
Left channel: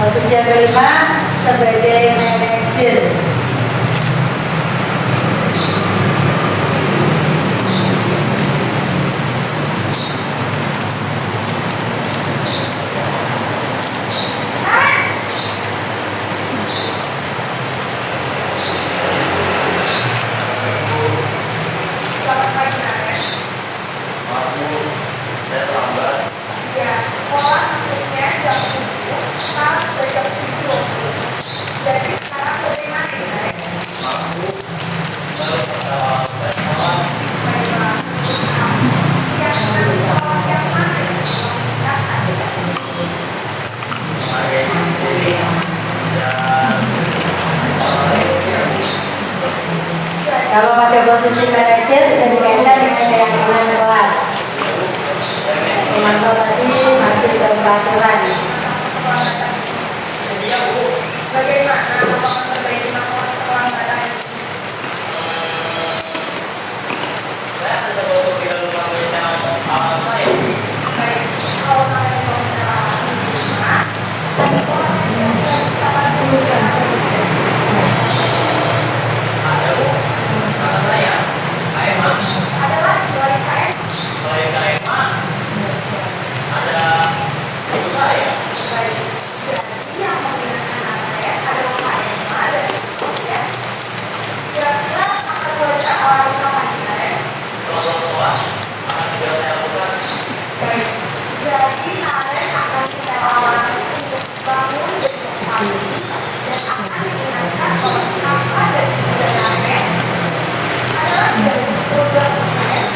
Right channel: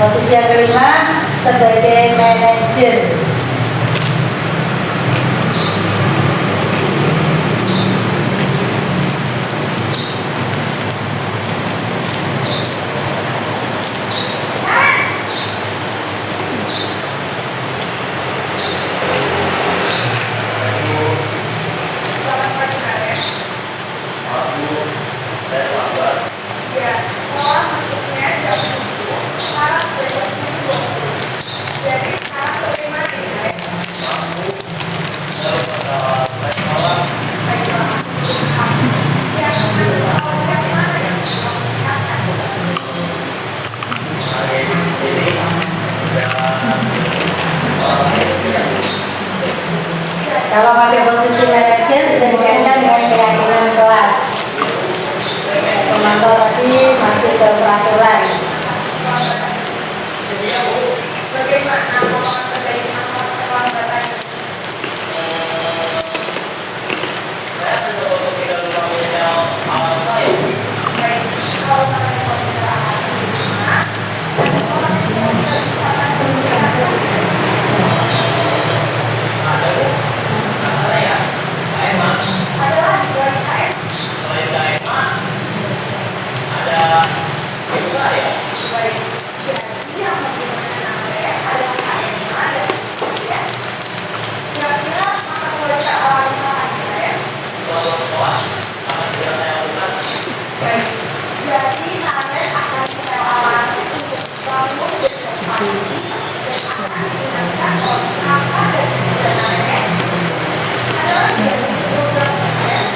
Posisi yang kelima sebagai manajer. Saya lambat. Ya, sekolah masuknya jam 7, sekarang sudah jam 7.20. Jadi sekarang bagaimana ya? Aku kalau saya sekolah Yang mana sekolah yang mana yang hari ini sendiri dan Kalau pada posisi manajer sudah dikaitkan dengan keyakinan kelas. Pemantau tadi masuk ke peraturan. bagaimana kalau memperbaiki masalah keterlambatan? saya akan coba untuk tidak lupa yang alam saya. Baik, kalau kalian mau menerapkan lingkungan, orang yang bisa menggunakan Ada bu, kata saya, KMA. adalah selain KM. Selain KMA, ada ibu saya. Baik, jadi yang menggunakan anak saya adalah KM dan kemudian kira-kira akan boleh saya alami kapan KM? Setelah pulang sekolah, akan segera saya lakukan. Baik, jadi kalian akan saya alami untuk bangun besok pagi dan akan digunakan oleh kakak dan juga nenek adalah tidak program KM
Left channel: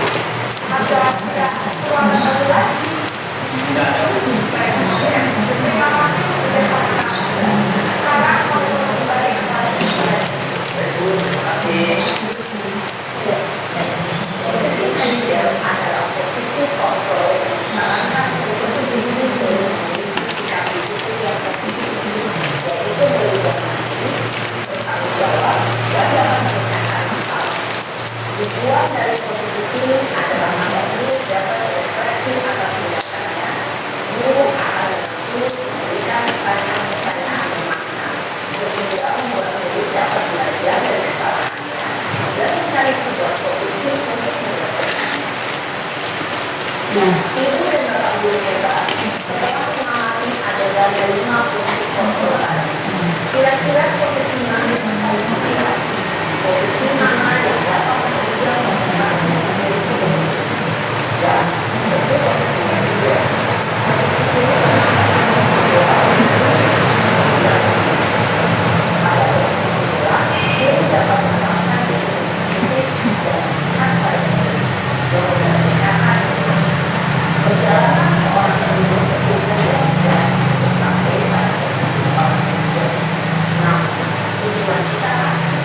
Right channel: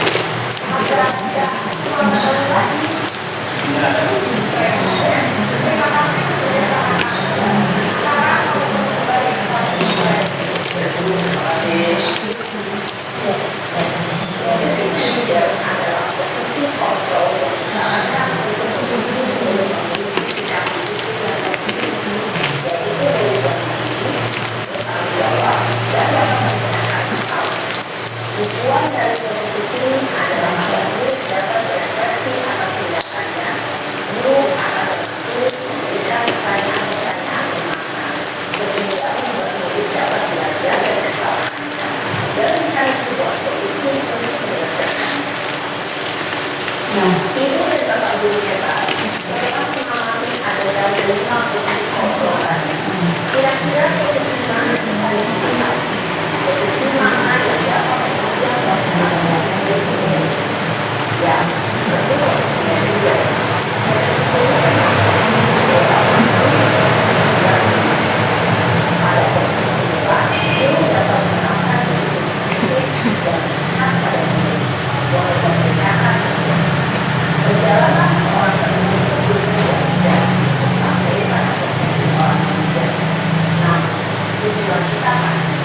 agar tidak keluar baru lagi. Tidak ada bu. Baik, kemudian terima kasih kebersamaan kalian. Sekarang mau kembali kepada saya. Baik bu, terima kasih. Posisi manajer adalah posisi kontrol yang disarankan untuk memiliki sikap disiplin yang positif, yaitu menghormati, bertanggung jawab, dan dapat memecahkan masalah. Tujuan dari posisi ini adalah agar guru dapat berefleksi atas tindakannya. Guru akan terus memberikan pertanyaan-pertanyaan bermakna, sehingga membuat murid dapat belajar dari kesalahannya dan mencari sebuah solusi untuk menyelesaikannya. Nah, Ibu dan bapak guru hebat setelah mengalami adegan kelima posisi kontrolan. Kira-kira posisi mana yang paling tepat? Posisi mana yang dapat menunjang konsentrasi murid sendiri? Ya, tentu posisi manajer. Posisi ini adalah posisi ideal posisi pada posisi inilah guru dapat menerapkan disiplin positif dan melihat pada murid yang mempertanyakan perjalanan seorang pendidik juga yang tidak untuk sampai pada posisi seorang manajer. Nah, tujuan kita pasti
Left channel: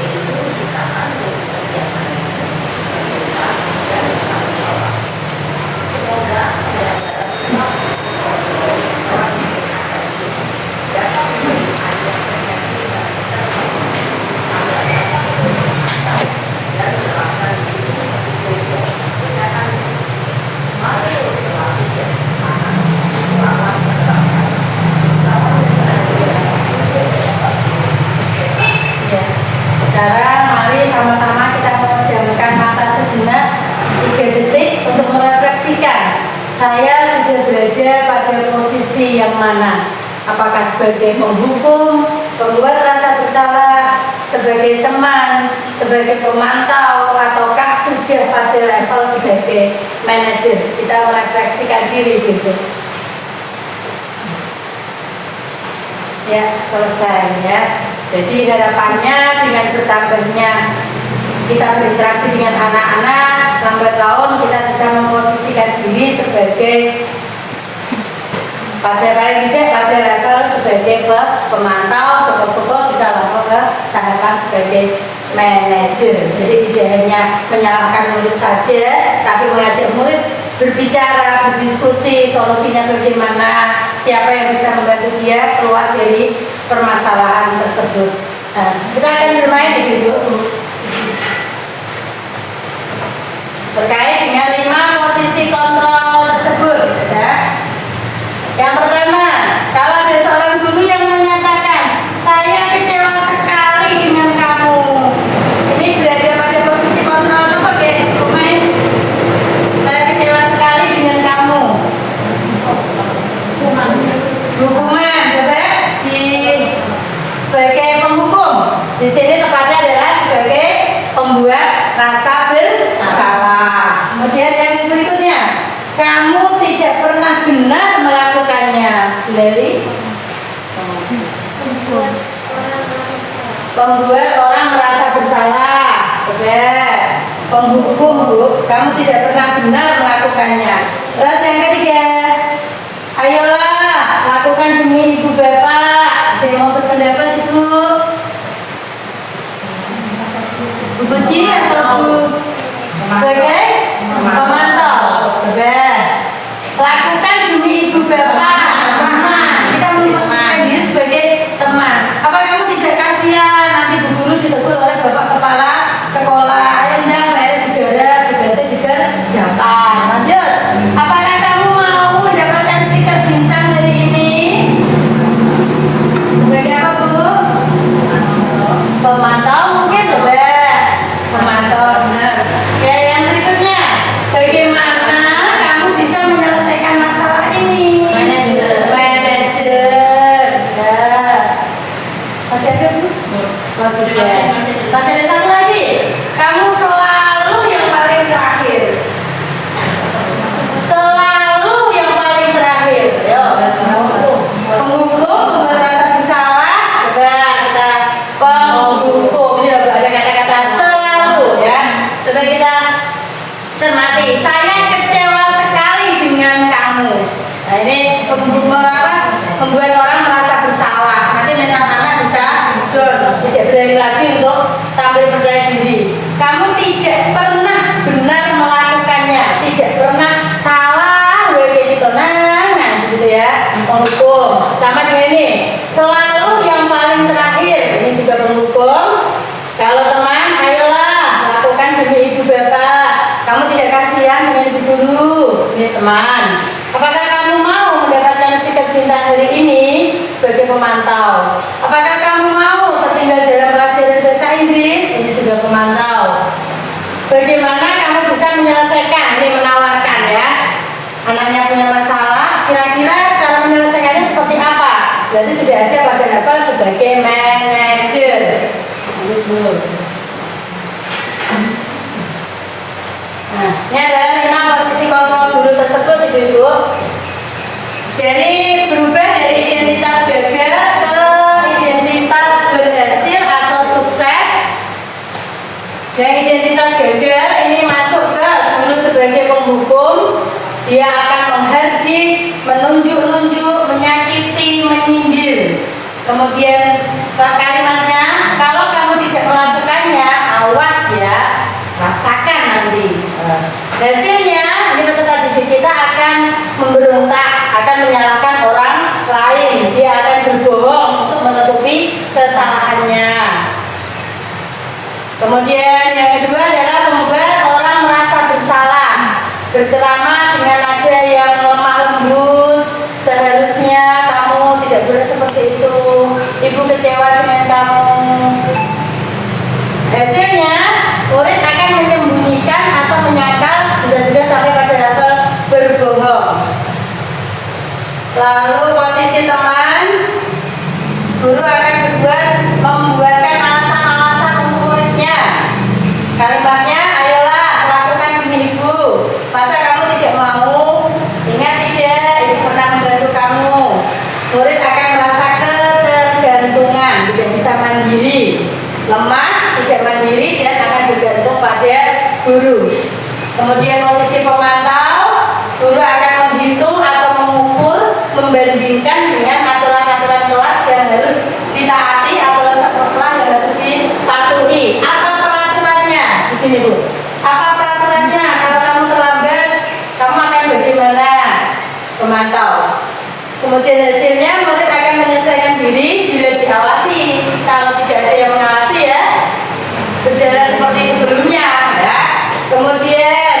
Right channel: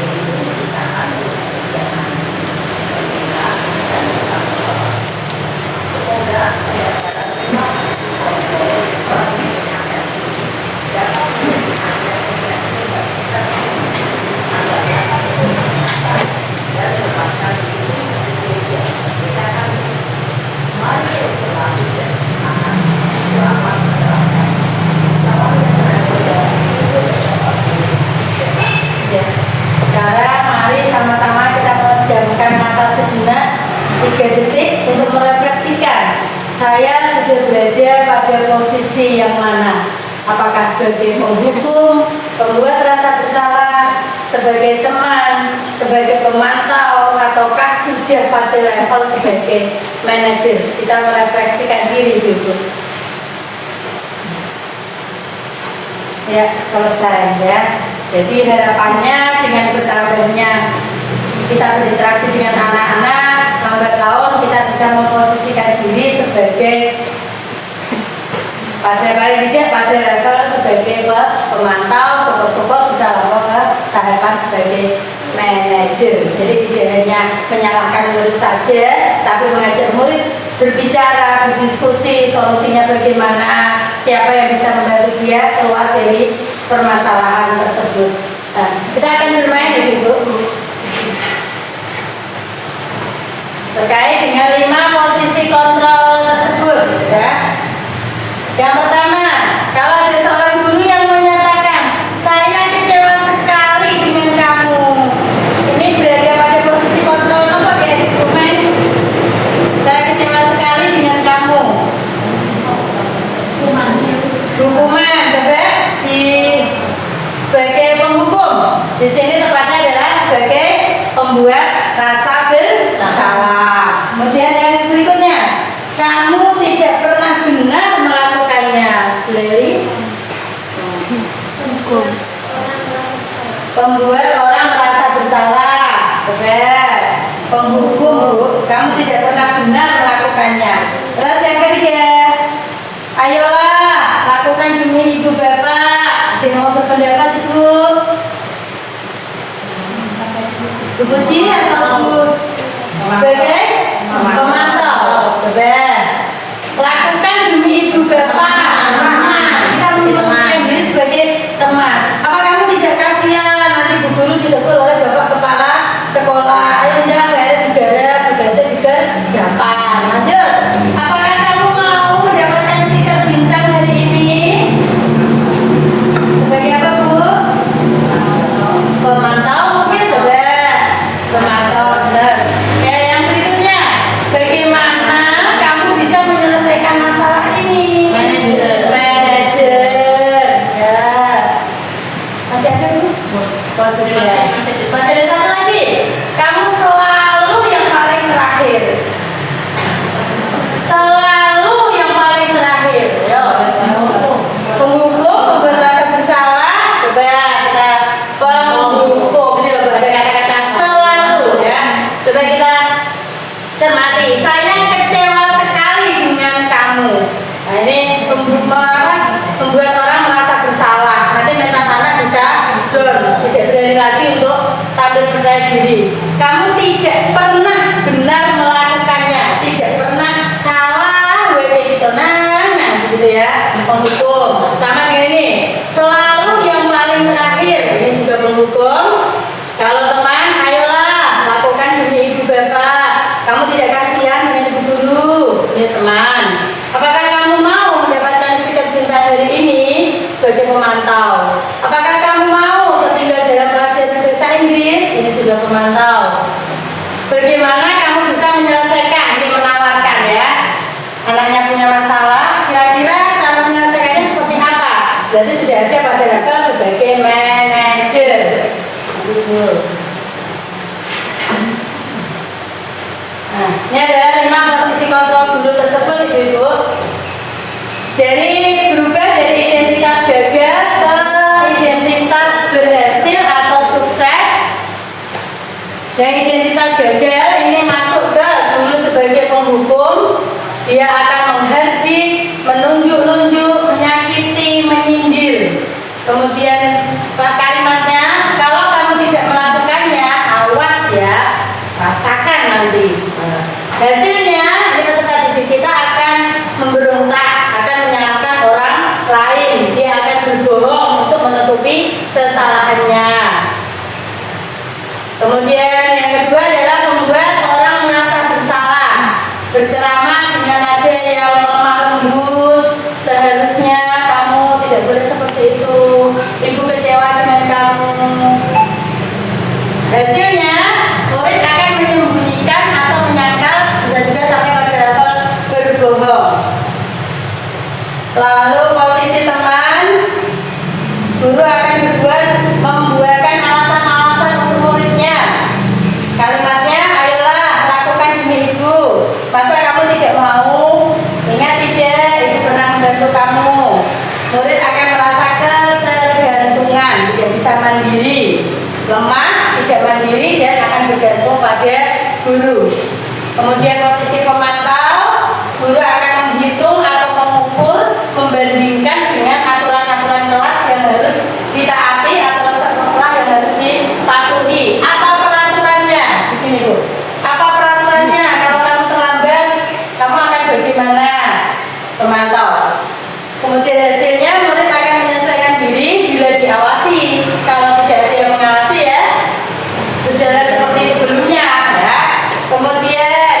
yaitu menciptakan lingkungan kegiatan pendidikan dan bertanggung jawab. Semoga yang dalam lima posisi kontrol orang pendidikan ini dapat menjadi ajang refleksi dan refleksi agar dapat terus mengasah dan menerapkan disiplin positif yang memerdekakan diri. Mari terus berlatih dan semangat. Selamat menjalankan. Selamat menjalankan. ya. Sekarang mari sama-sama kita memejamkan mata sejenak 3 detik untuk merefleksikan saya sudah berada pada posisi yang mana. Apakah sebagai penghukum, pembuat rasa bersalah, sebagai teman, sebagai pemantau, ataukah sudah pada level sebagai manajer. Kita merefleksikan diri gitu. Ya, selesai ya. Jadi harapannya dengan bertambahnya kita berinteraksi dengan anak-anak, lambat laun kita bisa memposisikan diri sebagai pada paling tidak pada level sebagai pemantau, syukur-syukur bisa lapor ke tahapan sebagai manajer. Jadi tidak hanya menyalahkan murid saja, tapi mengajak murid berbicara, berdiskusi, solusinya bagaimana, siapa yang bisa membantu dia keluar dari permasalahan tersebut. Nah, kita akan bermain Ibu. Terkait dengan 5 posisi kontrol tersebut, ya. Yang pertama Di sini tepatnya adalah sebagai pembuat rasa bersalah. Kemudian yang berikutnya, kamu tidak pernah benar melakukannya. Leli, pembuat orang merasa bersalah. Oke. Penghukum, Bu. Kamu tidak pernah benar melakukannya. Terus yang ketiga, ayolah lakukan demi ibu bapak. Ada yang mau berpendapat Ibu? Bu Puji atau Bu sebagai pemantau? Betul. Lakukan demi ibu bapak, teman. Kita memposisikan diri sebagai teman. Apa kamu tidak kasihan nanti bu guru ditegur oleh bapak kepala sekolah? Ayo undang bayar negara, tugasnya dikerjakan. Lanjut. Apakah kamu mau mendapatkan stiker bintang hari ini? Sebagai apa Bu? Pemantau mungkin coba. Pemantau benar. Ya yang berikutnya, bagaimana kamu bisa menyelesaikan masalah ini? Manajer. Ya. Masih ada Bu? Masih ada satu lagi. Kamu selalu yang paling terakhir. Selalu yang paling terakhir. Yo. Penghukum, pembuat rasa bersalah. Coba kita penghukum. Ini ada kata-kata selalu ya. Coba kita cermati. Saya kecewa sekali dengan kamu. Nah ini membuat orang merasa bersalah. Nanti mentalnya bisa down, tidak berani lagi untuk tampil percaya diri. Kamu tidak pernah benar melakukannya, tidak pernah salah, kayak gitu. Nah, gitu ya, penghukum. Sama dengan ini, selalu yang paling terakhir. Ini juga penghukum. Kalau teman, ayolah lakukan demi ibu bapak. Kamu tidak kasihan dengan ibu guru. Ini teman. Apakah kamu mau mendapatkan stiker bintang hari ini sebagai pemantau? Apakah kamu mau tertinggal dalam pelajaran bahasa Inggris? Ini juga pemantau. Bagaimana kamu bisa menyelesaikan? Ini menawarkan ya. Anaknya punya masalah, kira-kira cara menyelesaikannya seperti apa? Berarti sudah ada pada level sebagai manajer. Gitu. Nah, ini adalah 5 posisi kontrol guru tersebut, Ibu-ibu. Jadi berubah dari identitas gagal ke identitas berhasil atau sukses. Dan identitas gagal ini masuk ke guru sebagai penghukum. Dia akan menghardik, menunjuk-nunjuk, menyakiti, menyindir. Kemudian kalimatnya, kalau kamu tidak melakukannya, awas ya, rasakan nanti. Hasilnya, ini peserta didik kita akan memberontak, akan menyalahkan orang lain. Dia akan berbohong untuk menutupi kesalahannya. Kemudian yang kedua adalah membuat orang merasa bersalah. Berceramah dengan nada yang lemah lembut. Seharusnya kamu tidak boleh seperti itu. Ibu kecewa dengan kamu. Hasilnya, murid akan menyembunyikan atau menyangkal, bisa juga sampai pada level berbohong. Lalu posisi teman, guru akan membuatkan alasan-alasan untuk muridnya. Kalimatnya, ayolah lakukan demi ibu. Masa kamu tidak mau? Ingat tidak, ibu pernah membantu kamu. Murid akan merasa ketergantungan, tidak bisa mandiri, lemah, tidak mandiri, dan akan bergantung pada guru. Kemudian posisi pemantau, guru akan menghitung atau mengukur, membandingkan dengan aturan-aturan kelas yang harus ditaati atau kelas yang harus dipatuhi. Apa peraturannya? Di sini Bu. Apa peraturannya? Kalau kamu terlambat, kamu akan bagaimana? Pemantau. Kemudian hasilnya murid akan menyesuaikan diri bila diawasi. Kalau tidak ada yang mengawasi ya, berjalan seperti sebelumnya ya. Kemudian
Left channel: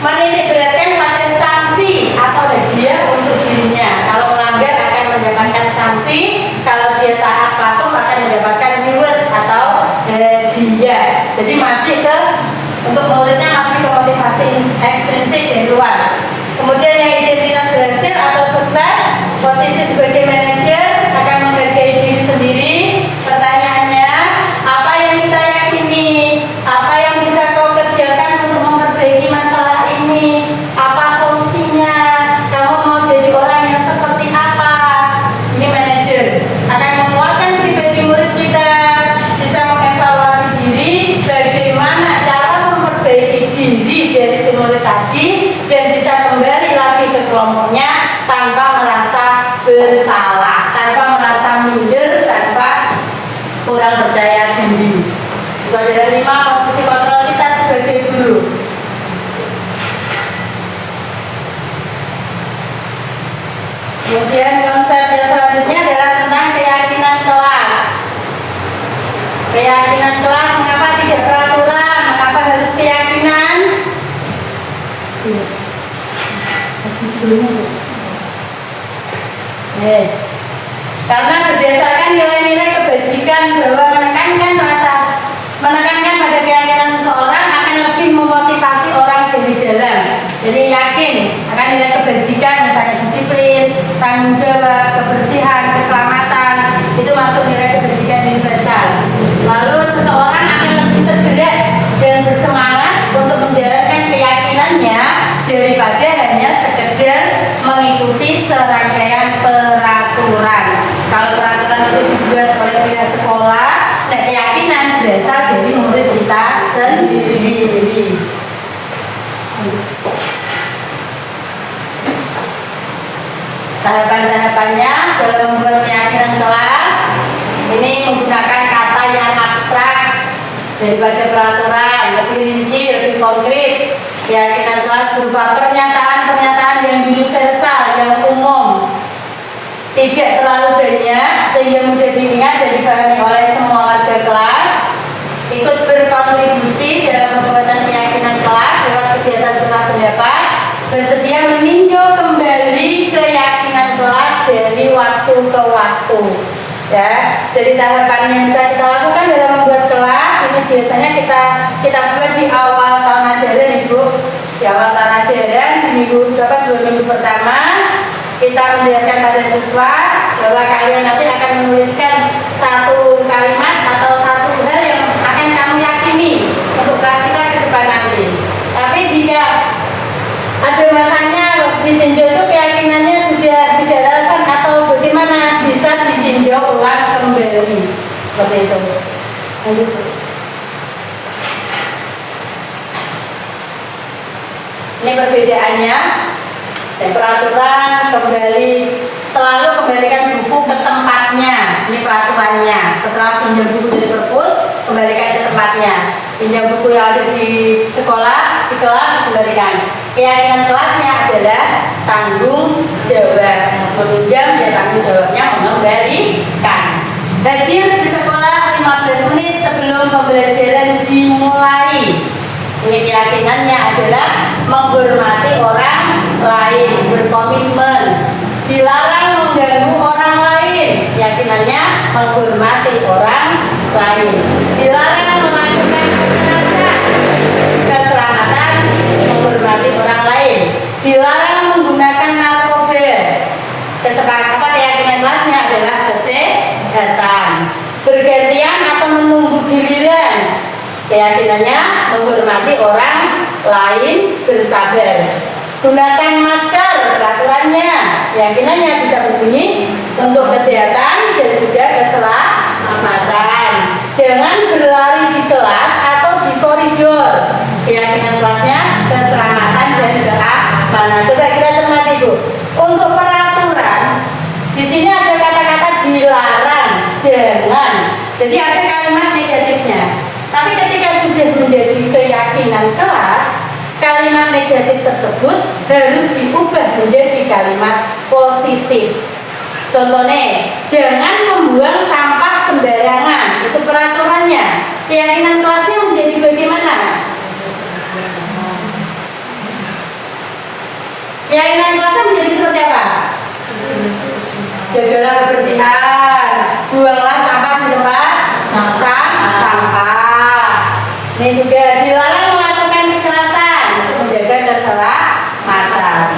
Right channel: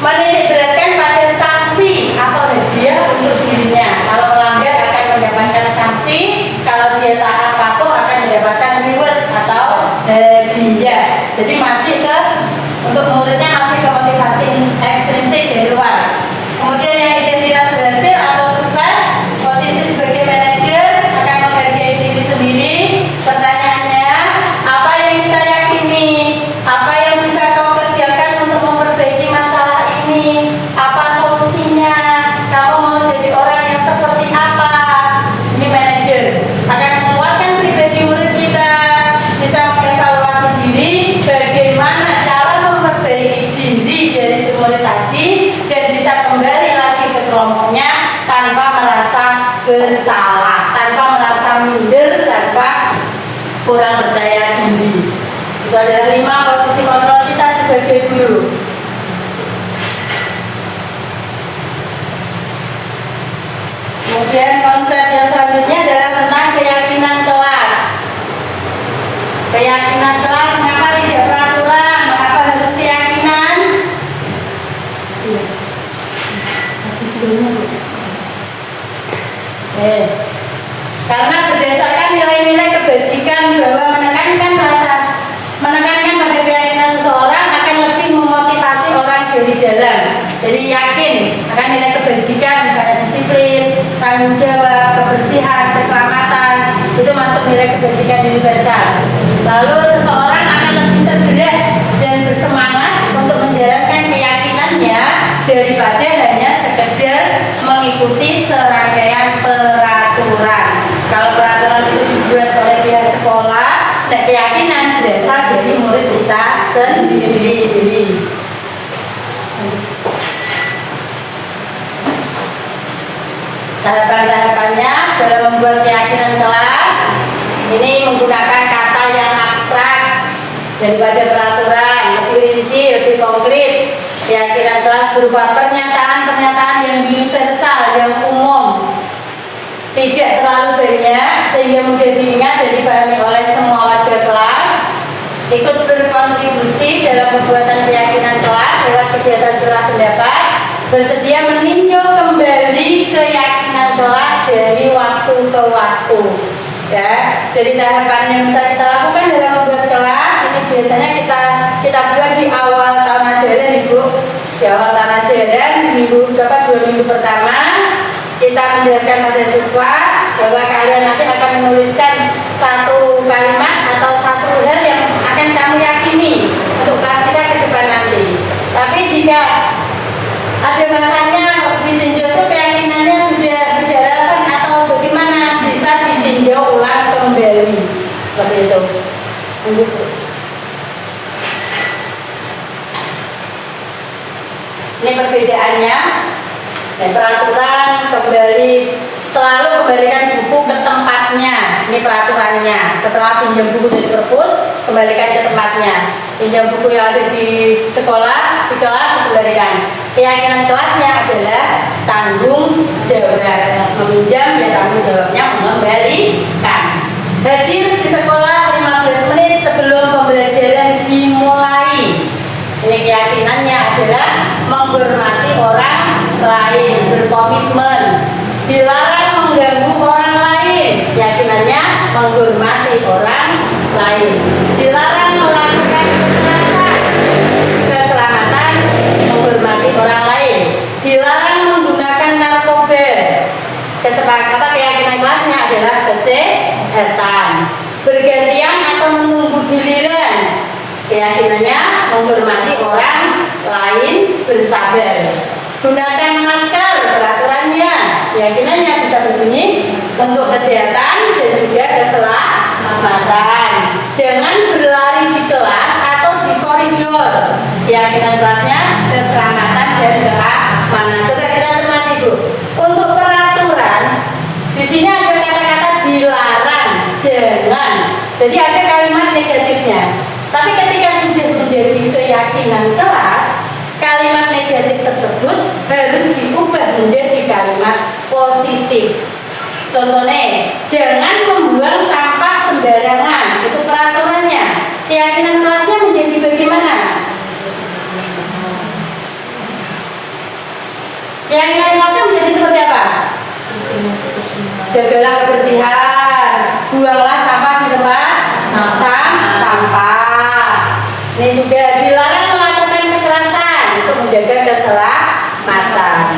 menitik beratkan pada sanksi atau hadiah untuk dirinya. Kalau melanggar akan mendapatkan sanksi, kalau dia taat patuh akan mendapatkan reward atau hadiah. Jadi masih ke untuk muridnya masih ke motivasi ekstrinsik dari luar. Kemudian yang identitas berhasil atau sukses, posisi sebagai pokoknya tanpa merasa bersalah, tanpa merasa minder, tanpa kurang percaya diri. Itu adalah 5 posisi kontrol kita sebagai guru. Kemudian konsep yang selanjutnya adalah tentang keyakinan kelas. Keyakinan kelas, mengapa tidak peraturan? Mengapa harus keyakinan? Karena berdasarkan nilai-nilai kebajikan bahwa menekankan pada keyakinan seseorang akan lebih memotivasi orang dari dalam. Jadi yakin akan nilai kebajikan, misalnya disiplin, tanggung jawab, kebersihan, keselamatan, itu masuk nilai kebajikan universal. Lalu seseorang akan lebih tergerak dan bersemangat untuk menjalankan keyakinannya daripada hanya sekedar mengikuti serangkaian peraturan. Kalau peraturan itu dibuat oleh pihak sekolah, dan keyakinan berasal dari murid kita sendiri. Tahapan-tahapannya dalam membuat keyakinan kelas ini menggunakan kata yang abstrak daripada peraturan, lebih rinci, lebih konkret. Keyakinan kelas berupa pernyataan-pernyataan yang universal, yang umum, tidak terlalu banyak sehingga mudah diingat dan dipahami oleh semua warga kelas. Ikut berkontribusi dalam pembuatan keyakinan kelas lewat kegiatan curah pendapat, bersedia meninjau kembali keyakinan kelas dari waktu ke waktu. Ya, jadi tahapan yang bisa kita lakukan dalam membuat kelas ini biasanya kita buat di awal tahun ajaran, Ibu. Di awal tahun ajaran, minggu 2 minggu pertama kita menjelaskan pada siswa bahwa kalian nanti akan menuliskan satu kalimat atau satu hal yang akan kamu yakini untuk kelas kita ke depan nanti. Tapi jika ada masanya ditinjau itu keyakinannya sudah tidak relevan atau bagaimana, bisa ditinjau ulang kembali seperti itu. Lanjut. Ini perbedaannya. Dan peraturan selalu kembalikan buku ke tempatnya. Ini peraturannya. Setelah pinjam buku dari perpus, kembalikan ke tempatnya. Pinjam buku yang ada di sekolah, di kelas, kembalikan. Keyakinan kelasnya adalah tanggung jawab. Meminjam, ya tanggung jawabnya mengembalikan. Hadir di sekolah 15 menit sebelum pembelajaran dimulai. Ini keyakinannya adalah menghormati orang lain, berkomitmen, dilarang mengganggu orang lain. Keyakinannya menghormati orang lain, dilarang melakukan kekerasan, keselamatan, menghormati orang lain, dilarang menggunakan narkoba. Keyakinan kelasnya adalah kesehatan, bergantian atau menunggu giliran. Keyakinannya menghormati orang lain, bersabar. Gunakan masker, peraturannya, keyakinannya bisa berbunyi untuk kesehatan dan juga keselamatan. Jangan berlari di kelas atau di koridor. Keyakinan kelasnya keselamatan dan keamanan. Coba kita cermati, Bu. Untuk peraturan, di sini ada kata-kata dilarang, jangan. Jadi ada kalimat negatifnya. Tapi ketika sudah menjadi keyakinan kelas, kalimat negatif tersebut harus diubah menjadi kalimat positif. Contohnya, jangan membuang sampah sembarangan. Itu peraturannya. Keyakinan kelasnya menjadi bagaimana? Keyakinan kelasnya menjadi seperti apa? Jagalah kebersihan, buanglah sampah di tempat sampah. Ini sudah dilarang melakukan kekerasan untuk menjaga keselamatan.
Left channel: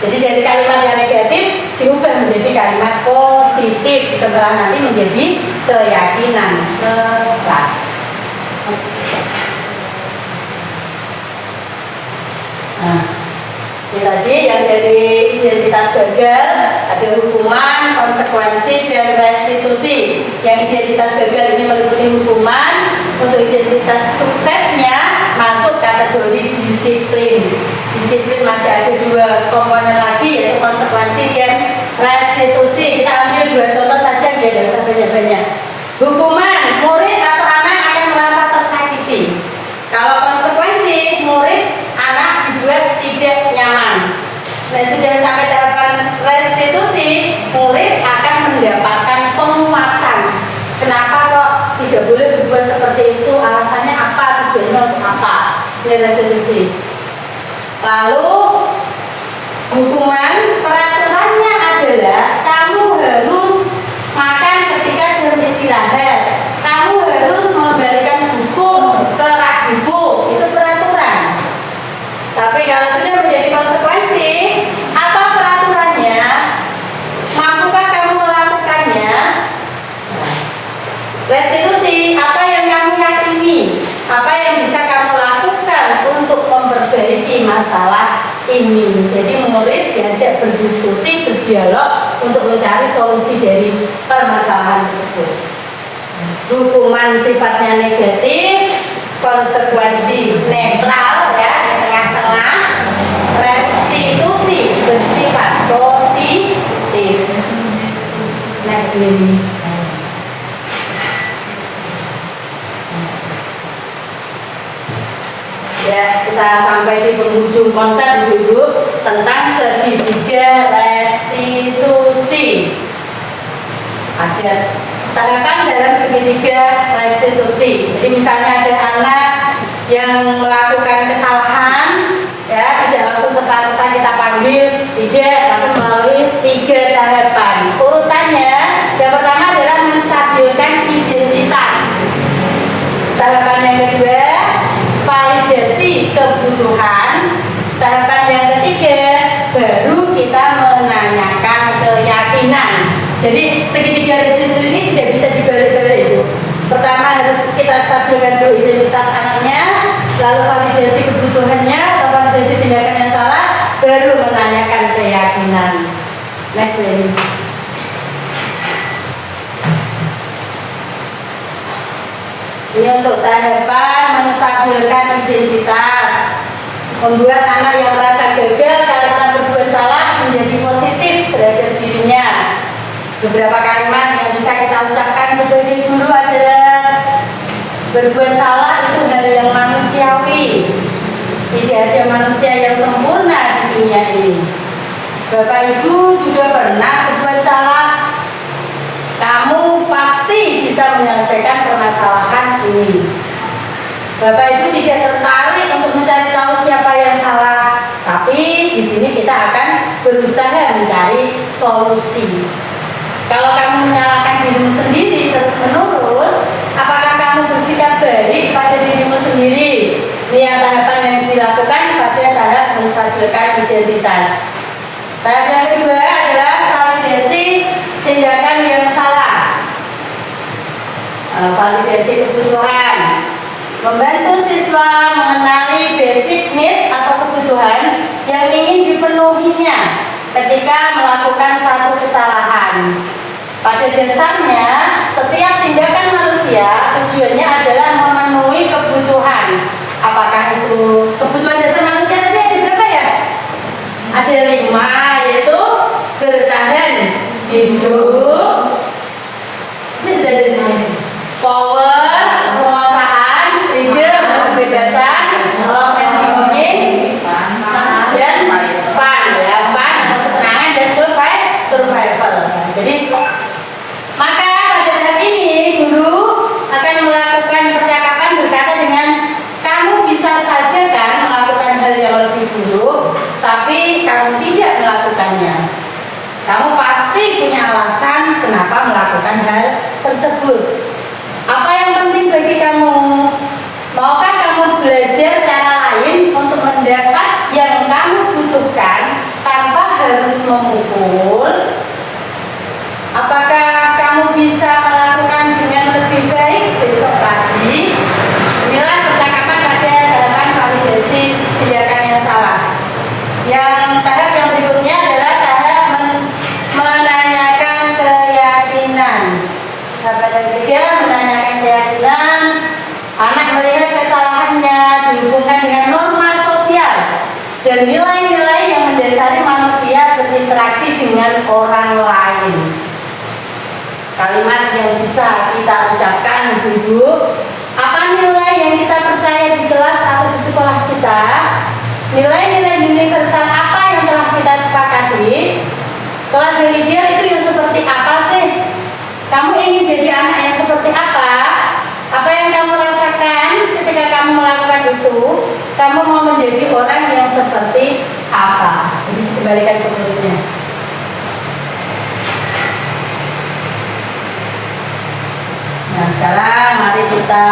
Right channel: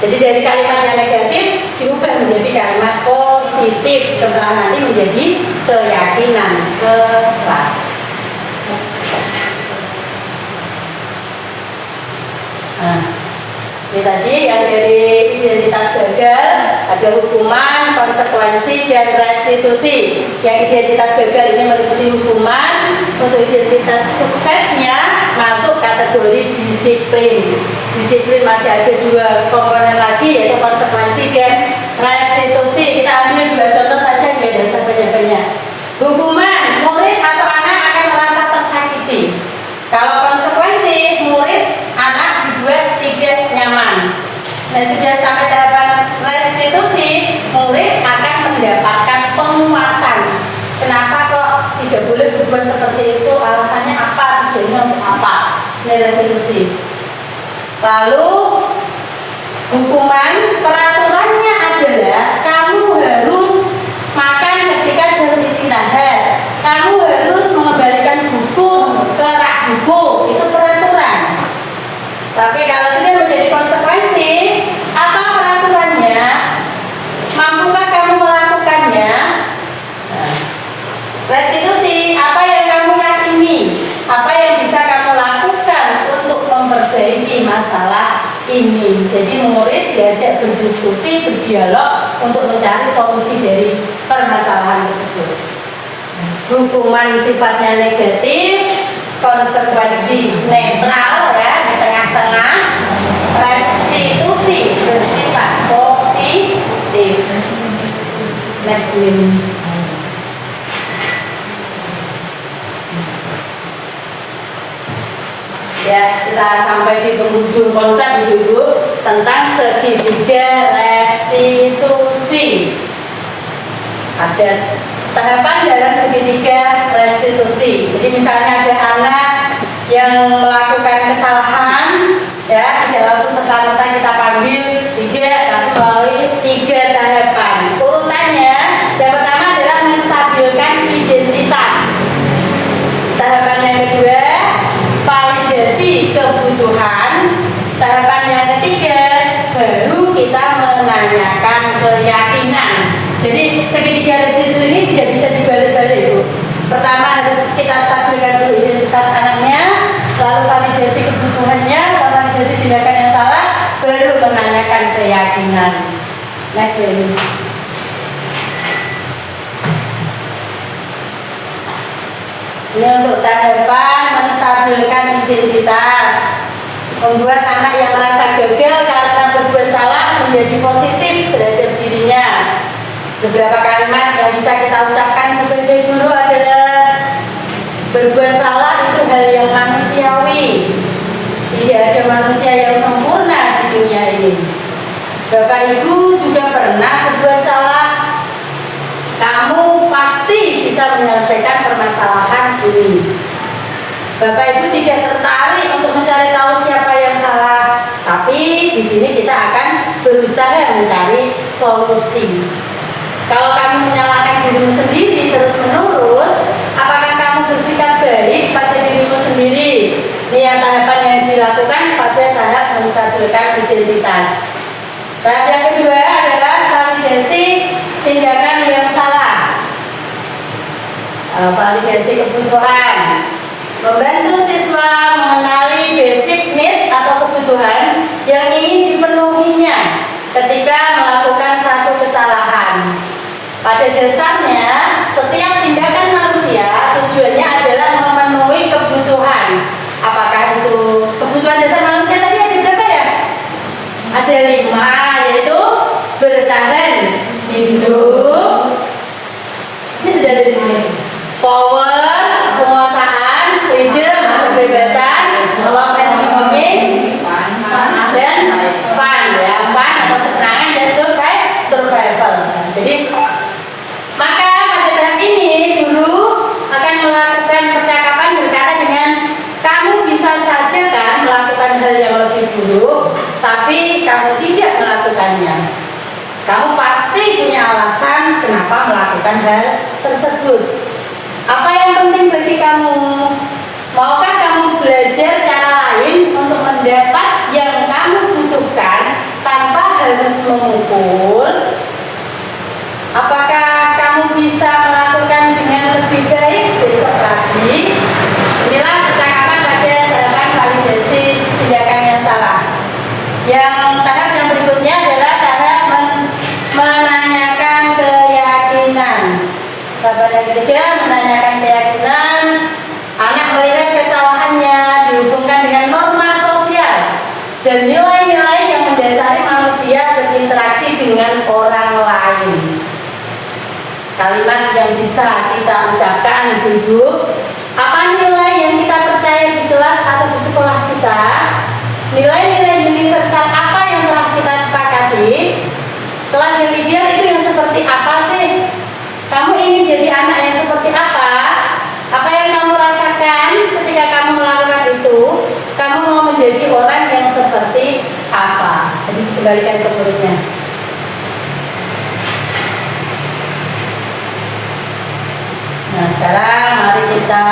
Jadi dari kalimat yang negatif diubah menjadi kalimat positif setelah nanti menjadi keyakinan kelas. Nah, ini tadi yang dari identitas gagal ada hukuman, konsekuensi, dan restitusi. Yang identitas gagal ini meliputi hukuman. Untuk identitas suksesnya masuk kategori disiplin. Disiplin masih ada dua komponen lagi, yaitu konsekuensi dan restitusi. Kita ambil dua contoh saja, nggak ada banyak-banyak. Hukuman, murid atau anak akan merasa tersakiti. Kalau konsekuensi, murid anak dibuat tidak nyaman. Nah, sudah sampai tahapan restitusi, murid akan mendapatkan penguatan. Kenapa kok tidak boleh berbuat seperti itu? Alasannya apa? Tujuannya untuk apa? Ini restitusi. Lalu hukuman, peraturannya adalah kamu harus makan ketika jam istirahat. Kamu harus mengembalikan buku ke rak buku. Itu peraturan. Tapi kalau sudah menjadi konsekuensi, apa peraturannya? Mampukah kamu melakukannya? Restitusi, apa yang kamu yakini? Apa yang bisa kamu lakukan untuk memperbaiki masalah ini? Jadi murid diajak berdiskusi, berdialog untuk mencari solusi dari permasalahan tersebut. Hukuman sifatnya negatif, konsekuensi netral ya, di tengah-tengah. Restitusi bersifat positif. Next one. Ya, kita sampai di penghujung konsep dulu tentang segitiga restitusi. Ada tahapan dalam segitiga restitusi. Jadi misalnya ada anak yang melakukan kesalahan, ya tidak langsung serta-merta kita panggil, tidak, tapi melalui 3 tahapan. Urutannya, yang pertama adalah menstabilkan identitas. Tahapan yang kedua, validasi kebutuhan. Tahapan yang ketiga, baru kita menanyakan keyakinan. Jadi segitiga restitusi ini tidak bisa dibalik-balik, Ibu. Pertama harus kita stabilkan dulu identitas anaknya, lalu validasi kebutuhannya atau validasi tindakan yang salah, baru menanyakan keyakinan. Next ini. Ini untuk tahapan menstabilkan identitas, membuat anak yang merasa gagal karena berbuat salah menjadi positif terhadap dirinya. Beberapa kalimat yang bisa kita ucapkan sebagai guru adalah berbuat salah itu hal yang manusiawi. Tidak ada manusia yang sempurna di dunia ini. Bapak Ibu juga pernah berbuat salah. Kamu pasti bisa menyelesaikan permasalahan ini. Bapak Ibu tidak tertarik untuk mencari tahu siapa yang salah, tapi di sini kita akan berusaha mencari solusi. Kalau kamu menyalahkan dirimu sendiri terus-menerus, apakah kamu bersikap baik pada dirimu sendiri? Ini yang tahapan yang dilakukan pada tahap menstabilkan identitas. Tahap yang kedua adalah validasi tindakan yang salah. Validasi kebutuhan, membantu siswa mengenali basic need atau kebutuhan yang ingin dipenuhinya ketika melakukan satu kesalahan. Pada dasarnya, setiap tindakan manusia tujuannya adalah memenuhi kebutuhan. Apakah itu kebutuhan dasar manusia tadi ada berapa ya? Ada 5, yaitu bertahan hidup. Ini sudah ada di sini. Power, penguasaan, freedom, kebebasan, love and belonging, dan fun ya, fun atau kesenangan dan survival. Jadi maka pada tahap ini guru akan melakukan percakapan berkata dengan kamu bisa saja kan melakukan hal yang lebih buruk, tapi kamu tidak melakukannya. Kamu pasti punya alasan kenapa melakukan hal tersebut. Apa yang penting bagi kamu? Maukah kamu belajar cara lain untuk mendapat yang kamu butuhkan tanpa harus memukul? Apakah kamu bisa melakukan dengan lebih baik besok lagi? Inilah percakapan pada tahapan validasi tindakan yang salah. Yang tahap yang berikutnya adalah tahap menanyakan keyakinan. Tahap yang ketiga menanyakan keyakinan. Anak melihat kesalahannya, kalimat yang bisa kita ucapkan, Ibu-ibu. Apa nilai yang kita percaya di kelas atau di sekolah kita? Nilai-nilai universal apa yang telah kita sepakati? Kelas yang ideal itu yang seperti apa sih? Kamu ingin jadi anak yang seperti apa? Apa yang kamu rasakan ketika kamu melakukan itu? Kamu mau menjadi orang yang seperti apa? Jadi dikembalikan ke muridnya. Nah, sekarang mari kita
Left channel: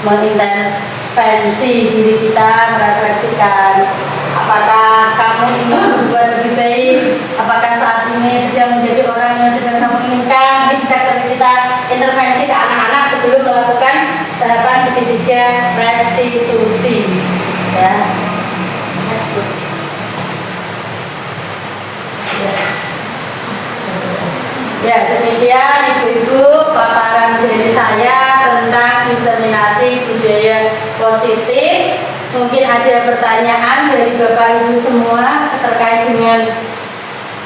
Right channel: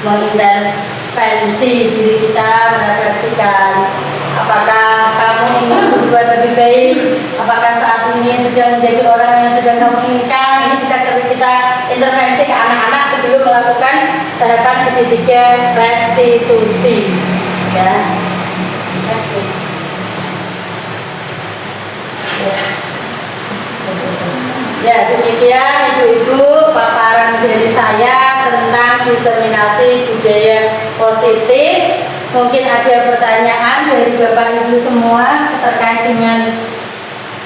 mengintervensi diri kita, merefleksikan apakah kamu ingin berbuat lebih baik, apakah saat ini sedang menjadi orang yang sedang kamu inginkan. Ini bisa kita intervensi ke anak-anak sebelum melakukan tahapan segitiga restitusi, ya. Ya, demikian Ibu-ibu paparan dari saya tentang diseminasi budaya positif. Mungkin ada pertanyaan dari Bapak Ibu semua terkait dengan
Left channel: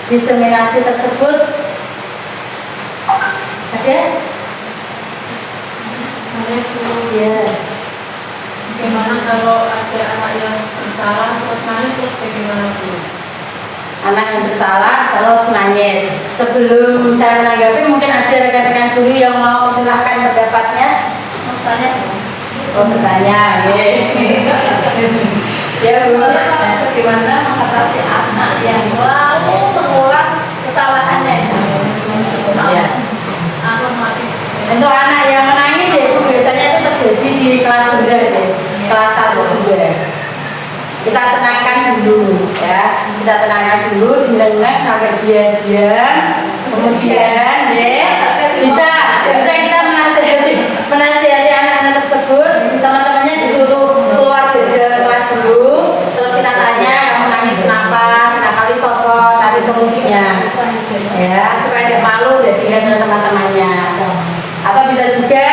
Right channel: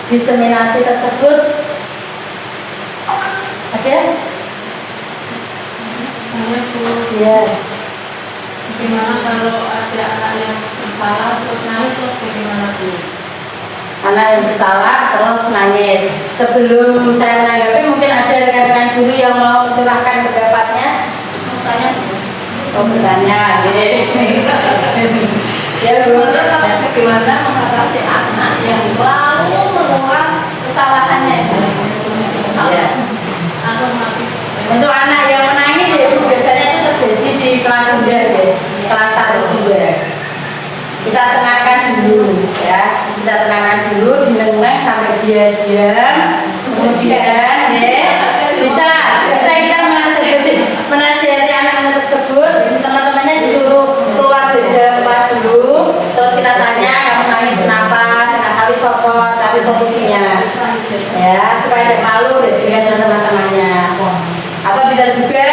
diseminasi tersebut. Ada? Ada Bu. Ya. Bagaimana kalau ada anak yang bersalah terus nangis terus bagaimana Bu? Anak yang bersalah terus nangis. Sebelum saya menanggapi, mungkin ada rekan-rekan guru yang mau mencurahkan pendapatnya. Mau tanya? Oh, bertanya, ya Bu. Bagaimana mengatasi anak yang selalu mengulang kesalahannya? Ya. Untuk anak yang menangis ya Bu, biasanya itu terjadi di kelas rendah ya, kelas 1 2. Kita tenangkan dulu ya, kita tenangkan dulu, dinengeng sampai dia diam, kemudian bisa kita menasihati anak-anak tersebut. Teman-temannya disuruh keluar dari dalam kelas dulu, terus kita tanya kamu nangis kenapa, kali sopot, cari solusinya ya, supaya tidak malu deh dengan teman-temannya. Atau bisa juga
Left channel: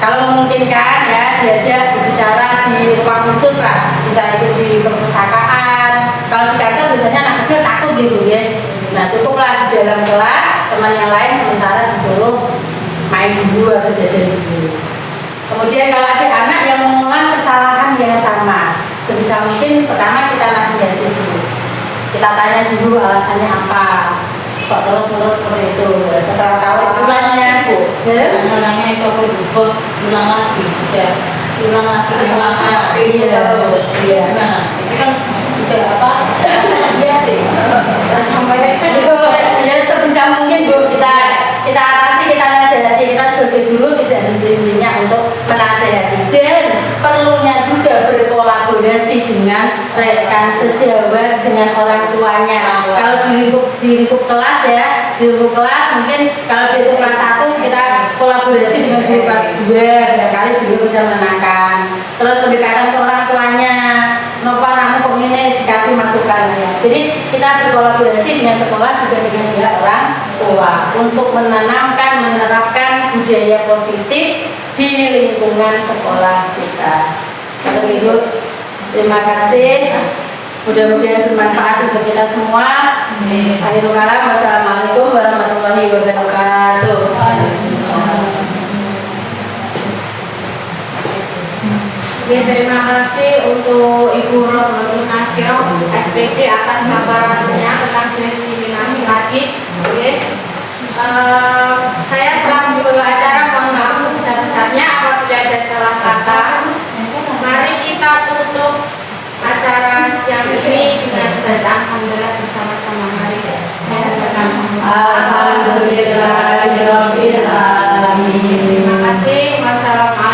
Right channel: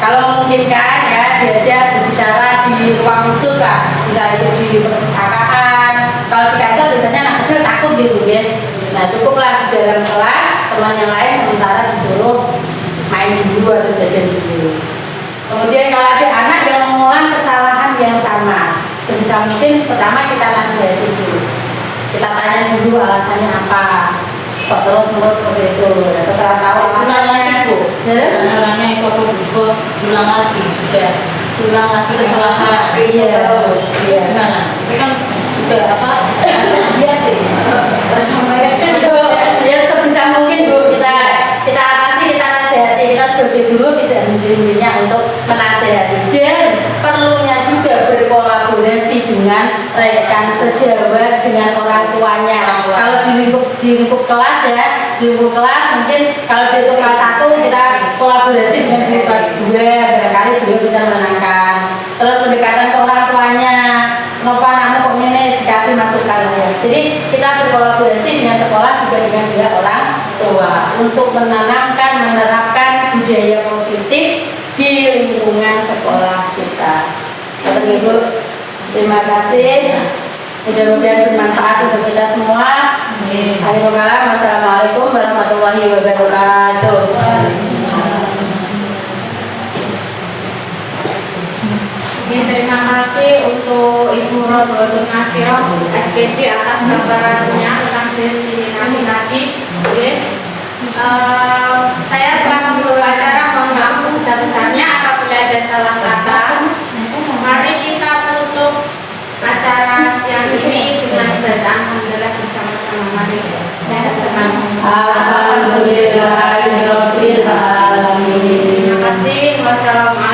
kalau memungkinkan ya diajak berbicara di ruang khusus lah, bisa itu di perpustakaan. Kalau di kantor biasanya anak kecil takut gitu ya. Nah cukuplah di dalam kelas teman yang lain sementara disuruh main dulu atau jajan dulu. Kemudian kalau ada anak yang mengulang kesalahan yang sama, sebisa mungkin pertama kita nasihati dulu. Kita tanya dulu alasannya apa. Kok terus-menerus seperti itu. Setelah tahu alasannya, Orangnya itu aku juga ulang lagi sudah ulang lagi kesalahan. Iya, terus. Iya. Gimana? Itu kan juga apa? Iya sih. Tersampaikan. Ya sebisa mungkin Bu kita atasi, kita nasihati, kita sebagai guru tidak henti-hentinya untuk menasihati dan perlunya juga berkolaborasi dengan rekan sejawat, dengan orang tuanya. Kalau di lingkup kelas ya, di lingkup kelas mungkin kalau di kelas 1 kita kolaborasi dengan guru kelas 2, barangkali beliau bisa menenangkan. Terus pendekatan ke orang tuanya, kenapa anakmu kok ini, dikasih masukan ya. Jadi kita berkolaborasi dengan sekolah juga dengan pihak orang tua untuk menanamkan, menerapkan budaya positif di lingkungan sekolah kita. Bapak Ibu, terima kasih. Mudah-mudahan bermanfaat untuk kita semua. Akhirul kalam, wassalamualaikum warahmatullahi wabarakatuh. Ya, terima kasih untuk Ibu Rodotul Nasio SPD atas paparannya tentang diseminasi tadi. Saya selaku guru acara mohon maaf sebesar-besarnya apabila ada salah kata. Mari kita tutup acara siang ini dengan bacaan alhamdulillah bersama-sama. Mari. Alhamdulillahirabbil alamin. Terima kasih. Wassalamualaikum.